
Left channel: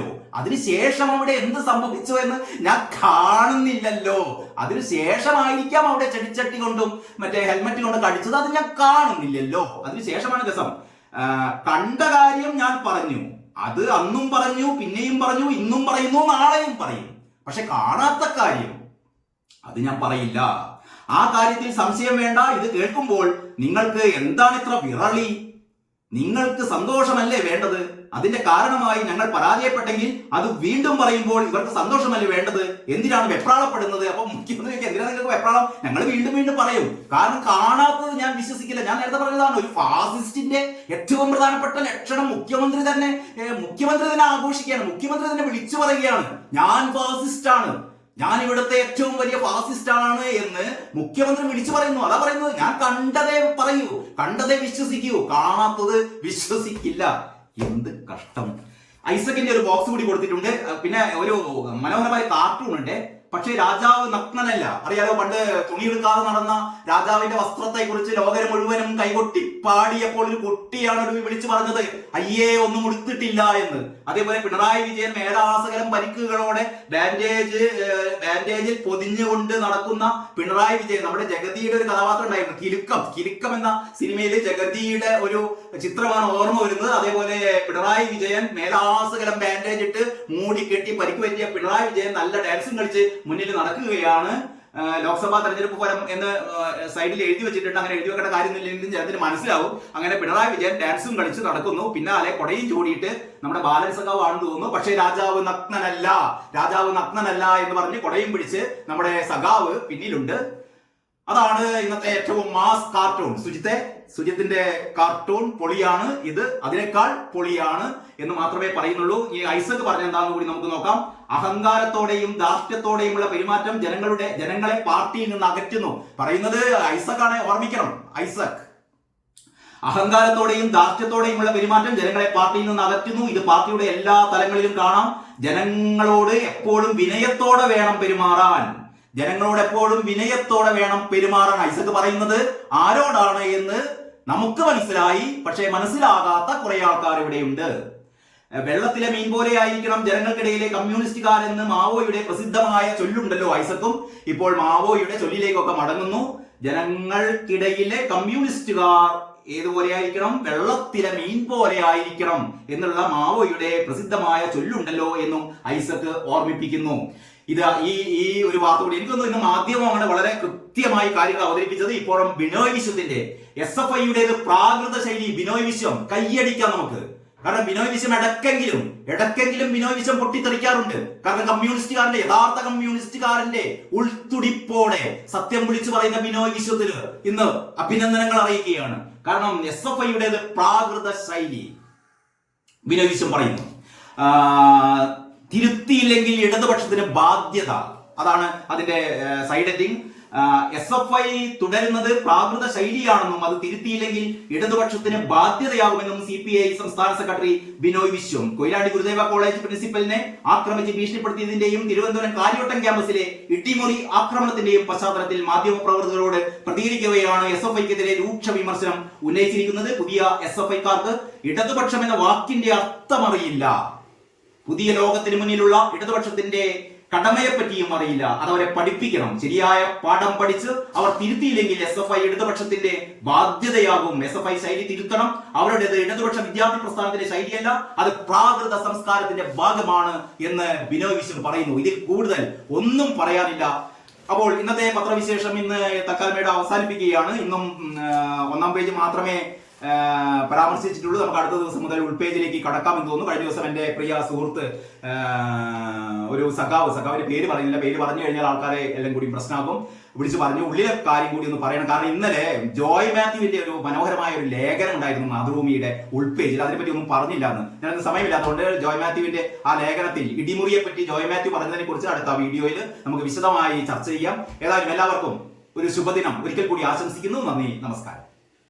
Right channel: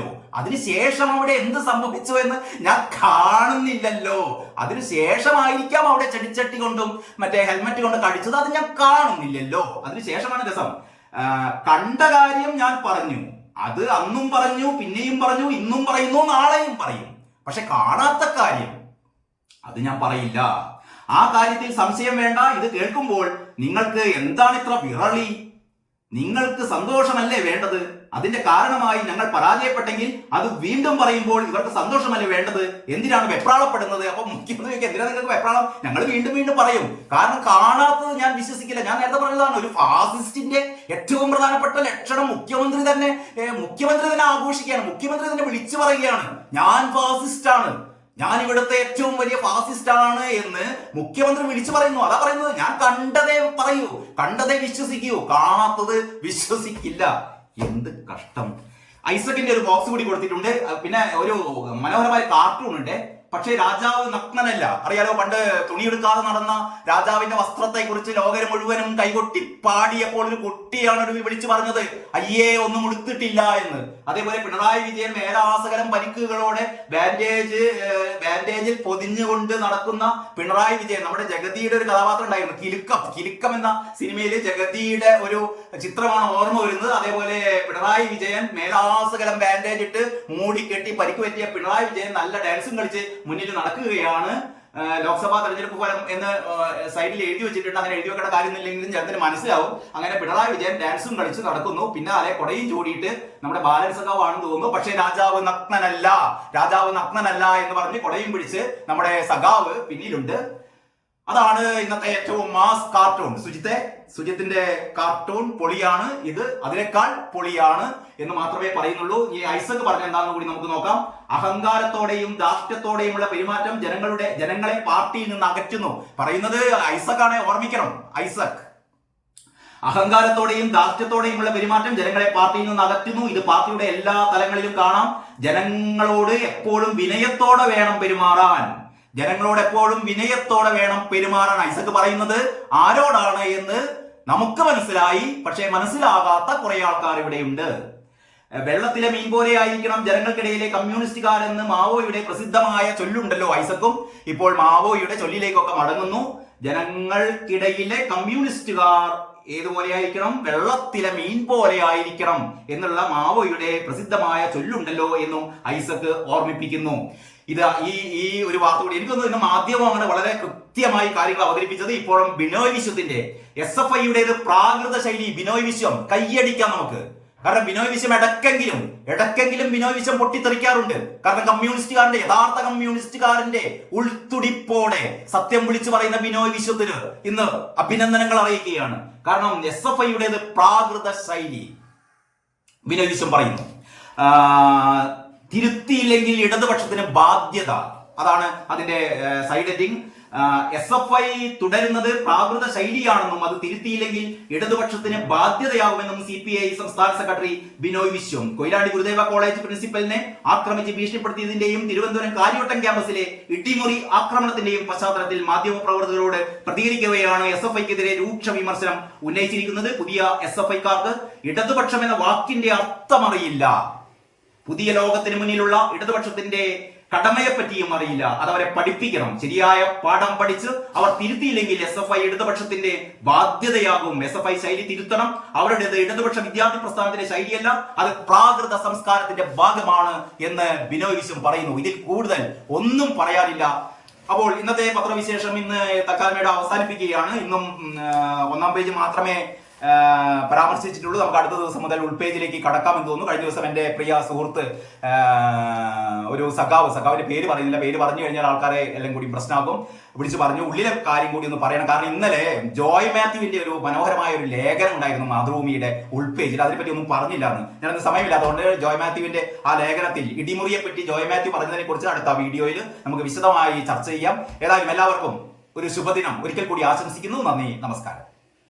അതിനുശേഷമായിരിക്കാം അവിടെ ചെടിച്ചട്ടി കൊണ്ടും മറ്റേ ഹെൽമറ്റ് കൊണ്ട് കടിച്ചത്, അത് ഞാൻ കാണുന്നില്ലല്ലോ. അതിനുശേഷമാണ് രസം. കണ്ട കാര്യം ഞാൻ പറഞ്ഞു, അത് അന്നും പറഞ്ഞു, പിന്നെയും പറഞ്ഞു, ഇന്നും പറയുന്നു, നാളെയും പറയും. പക്ഷെ കാണാത്ത കാര്യം അത് ഞാൻ പറയില്ല. ആ കാര്യത്തിൽ സംശയം വേണ്ട. ഇത് കേൾക്കുമ്പോൾ നിങ്ങൾക്ക് എന്താണ് ഇത്ര വിറളി? നിങ്ങൾക്ക് സന്തോഷമല്ലേ വേണ്ടത്? അതിന്റെ കാരണമായി ഞങ്ങൾ പരാജയപ്പെട്ടെങ്കിൽ അത് വീണ്ടും പറയുമ്പോൾ ഇവർക്ക് സന്തോഷമല്ലേ വേണ്ടത്? എന്തിനാണ് വെപ്രാളപ്പെടുന്നത്? അപ്പൊ മുഖ്യമന്ത്രിക്ക് എന്തിനാണ് നിങ്ങൾക്ക് വെപ്രാളം? ഞങ്ങൾ വീണ്ടും പറയും. കാരണം കാണാത്തത് ഞാൻ വിശ്വസിക്കില്ല. ഞാൻ നേരത്തെ പറഞ്ഞതാണ്, ഒരു ഫാസിസ്റ്റിന്റെ ഏറ്റവും പ്രധാനപ്പെട്ട ലക്ഷണം മുഖ്യമന്ത്രി തന്നെ ആഘോഷിക്കുകയാണ്. മുഖ്യമന്ത്രി തന്നെ വിളിച്ചു പറയുകയാണ്, ഞാൻ ഫാസിസ്റ്റാണ്, ഞാൻ ഇവിടുത്തെ ഏറ്റവും വലിയ ഫാസിസ്റ്റ് ആണ് എന്ന് മുഖ്യമന്ത്രി വിളിച്ചു പറയുന്നു. അതാ പറയുന്നത്, ഞാൻ കണ്ടതേ പറയൂ, കണ്ടതേ വിശ്വസിക്കൂ, കാണാത്തത് വിശ്വസിക്കില്ല. എന്ത് കഷ്ടം. ഐസക്കിന്റെ ഒരു ബോക്സ് കൂടി കൊടുത്തിട്ടുണ്ട്. പിന്നെ ഒരു മനോഹരമായ കാർട്ടൂൺ ഉണ്ട്. പക്ഷേ രാജാവ് നഗ്നനല്ല. അറിയാലോ, പണ്ട് തുണിയെടുക്കാതെ നടന്ന രാജാവിന്റെ വസ്ത്രത്തെ കുറിച്ച് ലോകര് മുഴുവനും കൈകൊട്ടി പാടിയപ്പോൾ ഒരു കുട്ടിയാണ് ഒരു വിളിച്ചു പറഞ്ഞത്, അയ്യേ ഒന്നും ഉടുത്തിട്ടില്ല എന്ന്. അതേപോലെ പിണറായി വിജയൻ മേലാസകലം പരിക്കുകളോടെ ബാൻഡേജിൽ പൊതിഞ്ഞുകൊണ്ട് നടക്കുന്ന പിണറായി വിജയൻ. നമ്മുടെ ജഗതിയുടെ ഒരു കഥാപാത്രം ഉണ്ടായിരുന്നു, കിലുക്കം എന്ന സിനിമയിൽ ജഗതിയുടെ ഒരു ചിത്രമാണ് ഓർമ്മ വരുന്നത്. അതേപോലെ പിണറായി വിജയൻ മേലാസകലം ബാൻഡേജ് ഇട്ട് മൂടിക്കെട്ടി പരിക്ക് പറ്റിയ പിണറായി വിജയൻ നല്ല ഡാൻസും കളിച്ച് മുന്നിൽ നടക്കുകയാണ്. ലോക്സഭാ തെരഞ്ഞെടുപ്പ് ഫലം എന്ന് സൈഡിൽ എഴുതി വെച്ചിട്ടുണ്ട്. അങ്ങനെ എഴുതി വെക്കേണ്ട കാര്യമൊന്നുമില്ലെങ്കിലും ചിലതിന് മനസ്സിലാവും. അങ്ങനെ പിണറായി വിജയൻ ഡാൻസും കളിച്ച് നടക്കുന്നു. പിന്നാലെ കൊടയും ചൂടിയിട്ട് നമ്മുടെ ബാലൻ സഖാവ് ആണെന്ന് തോന്നുന്നു. പക്ഷേ രാജാവ് നഗ്നനല്ല എന്ന് പറഞ്ഞ് കൊടയും പിടിച്ച് നമ്മുടെ സഖാവ് പിന്നിലുണ്ട്. അതാണ് ഇന്നത്തെ ഏറ്റവും മാസ് കാർട്ടൂൺ. സുജിത്തിന്റെ കാർട്ടൂൺ പൊളിയാണ്. ഇത് അതിനേക്കാൾ പൊളിയാണ് എന്ന് മാത്രമേ പറയുന്നുള്ളൂ. ഈ ഐസക് പറഞ്ഞ എന്താണെന്ന് കൂടി നമുക്ക് നോക്കാം. അഹങ്കാരത്തോടെയും ധാർഷ്ട്യത്തോടെയുമുള്ള പെരുമാറ്റം ജനങ്ങളെ പാർട്ടിയിൽ നിന്ന് അകറ്റുന്നു. പറയുന്നത് ഐസക് ആണ്, ഓർമ്മിക്കണം. ഐസക് അഹങ്കാരത്തോടെയും ധാർഷ്ട്യത്തോടെയുമുള്ള പെരുമാറ്റം ജനങ്ങളെ പാർട്ടിയിൽ നിന്ന് അകറ്റുന്നു. ഇത് പാർട്ടിയുടെ എല്ലാ തലങ്ങളിലും കാണാം. ജനങ്ങളോട് എപ്പോഴും വിനയത്തോടെ വേണം പെരുമാറാൻ. ജനങ്ങളോട് എപ്പോഴും വിനയത്തോടെ വേണം പെരുമാറാൻ. ഐസക് പറയുന്നത് ആരോടാണ് എന്ന് നമുക്ക് മനസ്സിലായി, പക്ഷേ മനസ്സിലാകാത്ത കുറെ ആൾക്കാർ ഇവിടെയുണ്ട്. വെള്ളത്തിലെ മീൻ പോലെ ആയിരിക്കണം ജനങ്ങൾക്കിടയിലെ കമ്മ്യൂണിസ്റ്റുകാർ എന്ന് മാവോയുടെ പ്രസിദ്ധമായ ചൊല്ലുണ്ടല്ലോ. ഐസക്കും ഇപ്പോൾ മാവോയുടെ ചൊല്ലിലേക്കൊക്കെ മടങ്ങുന്നു. ജനങ്ങൾക്കിടയിലെ കമ്മ്യൂണിസ്റ്റുകാർ ഏതുപോലെ ആയിരിക്കണം? വെള്ളത്തിലെ മീൻ പോലെ ആയിരിക്കണം എന്നുള്ള മാവോയുടെ പ്രസിദ്ധമായ ചൊല്ലുണ്ടല്ലോ എന്നും ഐസക് ഓർമ്മിപ്പിക്കുന്നു. ഇത് ഈ ഒരു വാർത്ത കൂടി എനിക്ക് തോന്നുന്നു ഇന്ന് മാധ്യമമാണ് വളരെ കൃത്യമായി കാര്യങ്ങൾ അവതരിപ്പിച്ചത്. ഇപ്പോഴും ബിനോയ് വിശ്വത്തിന്റെ SFIയുടേത് പ്രാകൃത ശൈലി. ബിനോയ് വിശ്വം കയ്യടിക്കാം നമുക്ക്. കാരണം ബിനോയ് വിശ്വം ഇടയ്ക്കെങ്കിലും ബിനോയ് വിശ്വം പൊട്ടിത്തെറിക്കാറുണ്ട്. കാരണം കമ്മ്യൂണിസ്റ്റുകാരന്റെ യഥാർത്ഥ കമ്മ്യൂണിസ്റ്റുകാരന്റെ ഉൾത്തുടിപ്പോടെ സത്യം വിളിച്ചു പറയുന്ന ബിനോയ് വിശ്വത്തിന് ഇന്ന് അഭിനന്ദനങ്ങൾ അറിയിക്കുകയാണ്. കാരണം SFIയുടേത് പ്രാകൃത ശൈലി. ബിനോയ് വിശ്വം പറയുന്നു തിരുത്തിയില്ലെങ്കിൽ ഇടതുപക്ഷത്തിന് ബാധ്യത. അതാണ് അതിന്റെ സൈഡ് ഹെഡിങ്. SFI തുടരുന്നത് പ്രാകൃത ശൈലിയാണെന്നും അത് തിരുത്തിയില്ലെങ്കിൽ ഇടതുപക്ഷത്തിന് ബാധ്യതയാകുമെന്നും CPI സംസ്ഥാന സെക്രട്ടറി ബിനോയ് വിശ്വം. കൊയിലാണ്ടി ഗുരുദേവ കോളേജ് പ്രിൻസിപ്പലിനെ ആക്രമിച്ച് ഭീഷണിപ്പെടുത്തിയതിന്റെയും തിരുവനന്തപുരം കാര്യവട്ടം ക്യാമ്പസിലെ ഇട്ടിമുറി ആക്രമണത്തിന്റെയും പശ്ചാത്തലത്തിൽ മാധ്യമപ്രവർത്തകരോട് പ്രതികരിക്കവെയാണ് SFIക്കെതിരെ രൂക്ഷ വിമർശനം ഉന്നയിച്ചിരിക്കുന്നത്. പുതിയ SFIക്കാർക്ക് ഇടതുപക്ഷം എന്ന വാക്കിന്റെ അർത്ഥമറിയില്ല. പുതിയ ലോകത്തിന് മുന്നിലുള്ള ഇടതുപക്ഷത്തിന്റെ കടമയെപ്പറ്റിയും അറിയില്ല. അതവരെ പഠിപ്പിക്കണം. ശരിയായ പാഠം പഠിച്ച് അവർ തിരുത്തിയില്ലെങ്കിൽ SFI ഇടതുപക്ഷത്തിന്റെ ബാധ്യതയാകും. SFI ശൈലി തിരുത്തണം. അവരുടേത് ഇടതുപക്ഷ വിദ്യാർത്ഥി പ്രസ്ഥാനത്തിന്റെ ശൈലിയല്ല, അത് പ്രാകൃത സംസ്കാരത്തിന്റെ ഭാഗമാണ് എന്ന് ബിനോയ് വിശ്വം പറയുന്നു. ഇതിൽ കൂടുതൽ ഒന്നും പറയാനില്ല. അപ്പോൾ ഇന്നത്തെ പത്രവിശേഷം ഇന്ന് തൽക്കാലം അവസാനിപ്പിക്കുകയാണ്. ഇന്നും ഒന്നാം പേജ് മാത്രമേ പരാമർശിച്ചിട്ടുള്ളൂ. നമുക്ക് അടുത്ത ദിവസം മുതൽ ഉൾപേജിലേക്ക് കടക്കാമെന്ന് തോന്നുന്നു. കഴിഞ്ഞ ദിവസം എന്റെ പ്രിയ സുഹൃത്ത് ഒരു സഖാവിന്റെ പേര് പറയുന്നില്ല, പേര് പറഞ്ഞു കഴിഞ്ഞാൽ ആൾക്കാരെ എല്ലാം കൂടി പ്രശ്നമാകും, വിളിച്ചു പറഞ്ഞു ഉള്ളിലെ കാര്യം കൂടി ഒന്ന് പറയണം. കാരണം ഇന്നലെ ജോയ് മാത്യുവിന്റെ ഒരു മനോഹരമായ ഒരു ലേഖനം ഉണ്ടായിരുന്നു മാതൃഭൂമിയുടെ ഉൾപേജിൽ. അതിനെപ്പറ്റി ഒന്നും പറഞ്ഞില്ല എന്ന്. ഞാനത് സമയമില്ലാത്തതുകൊണ്ട് ജോയ് മാത്യുവിന്റെ ആ ലേഖനത്തിൽ ഇടിമുറിയെ പറ്റി ജോയ് മാത്യു പറഞ്ഞതിനെ കുറിച്ച് അടുത്ത വീഡിയോയിൽ നമുക്ക് വിശദമായി ചർച്ച ചെയ്യാം. ഏതായാലും എല്ലാവർക്കും ഒരു ശുഭദിനം ഒരിക്കൽ കൂടി ആശംസിക്കുന്നു. നന്ദി, നമസ്കാരം.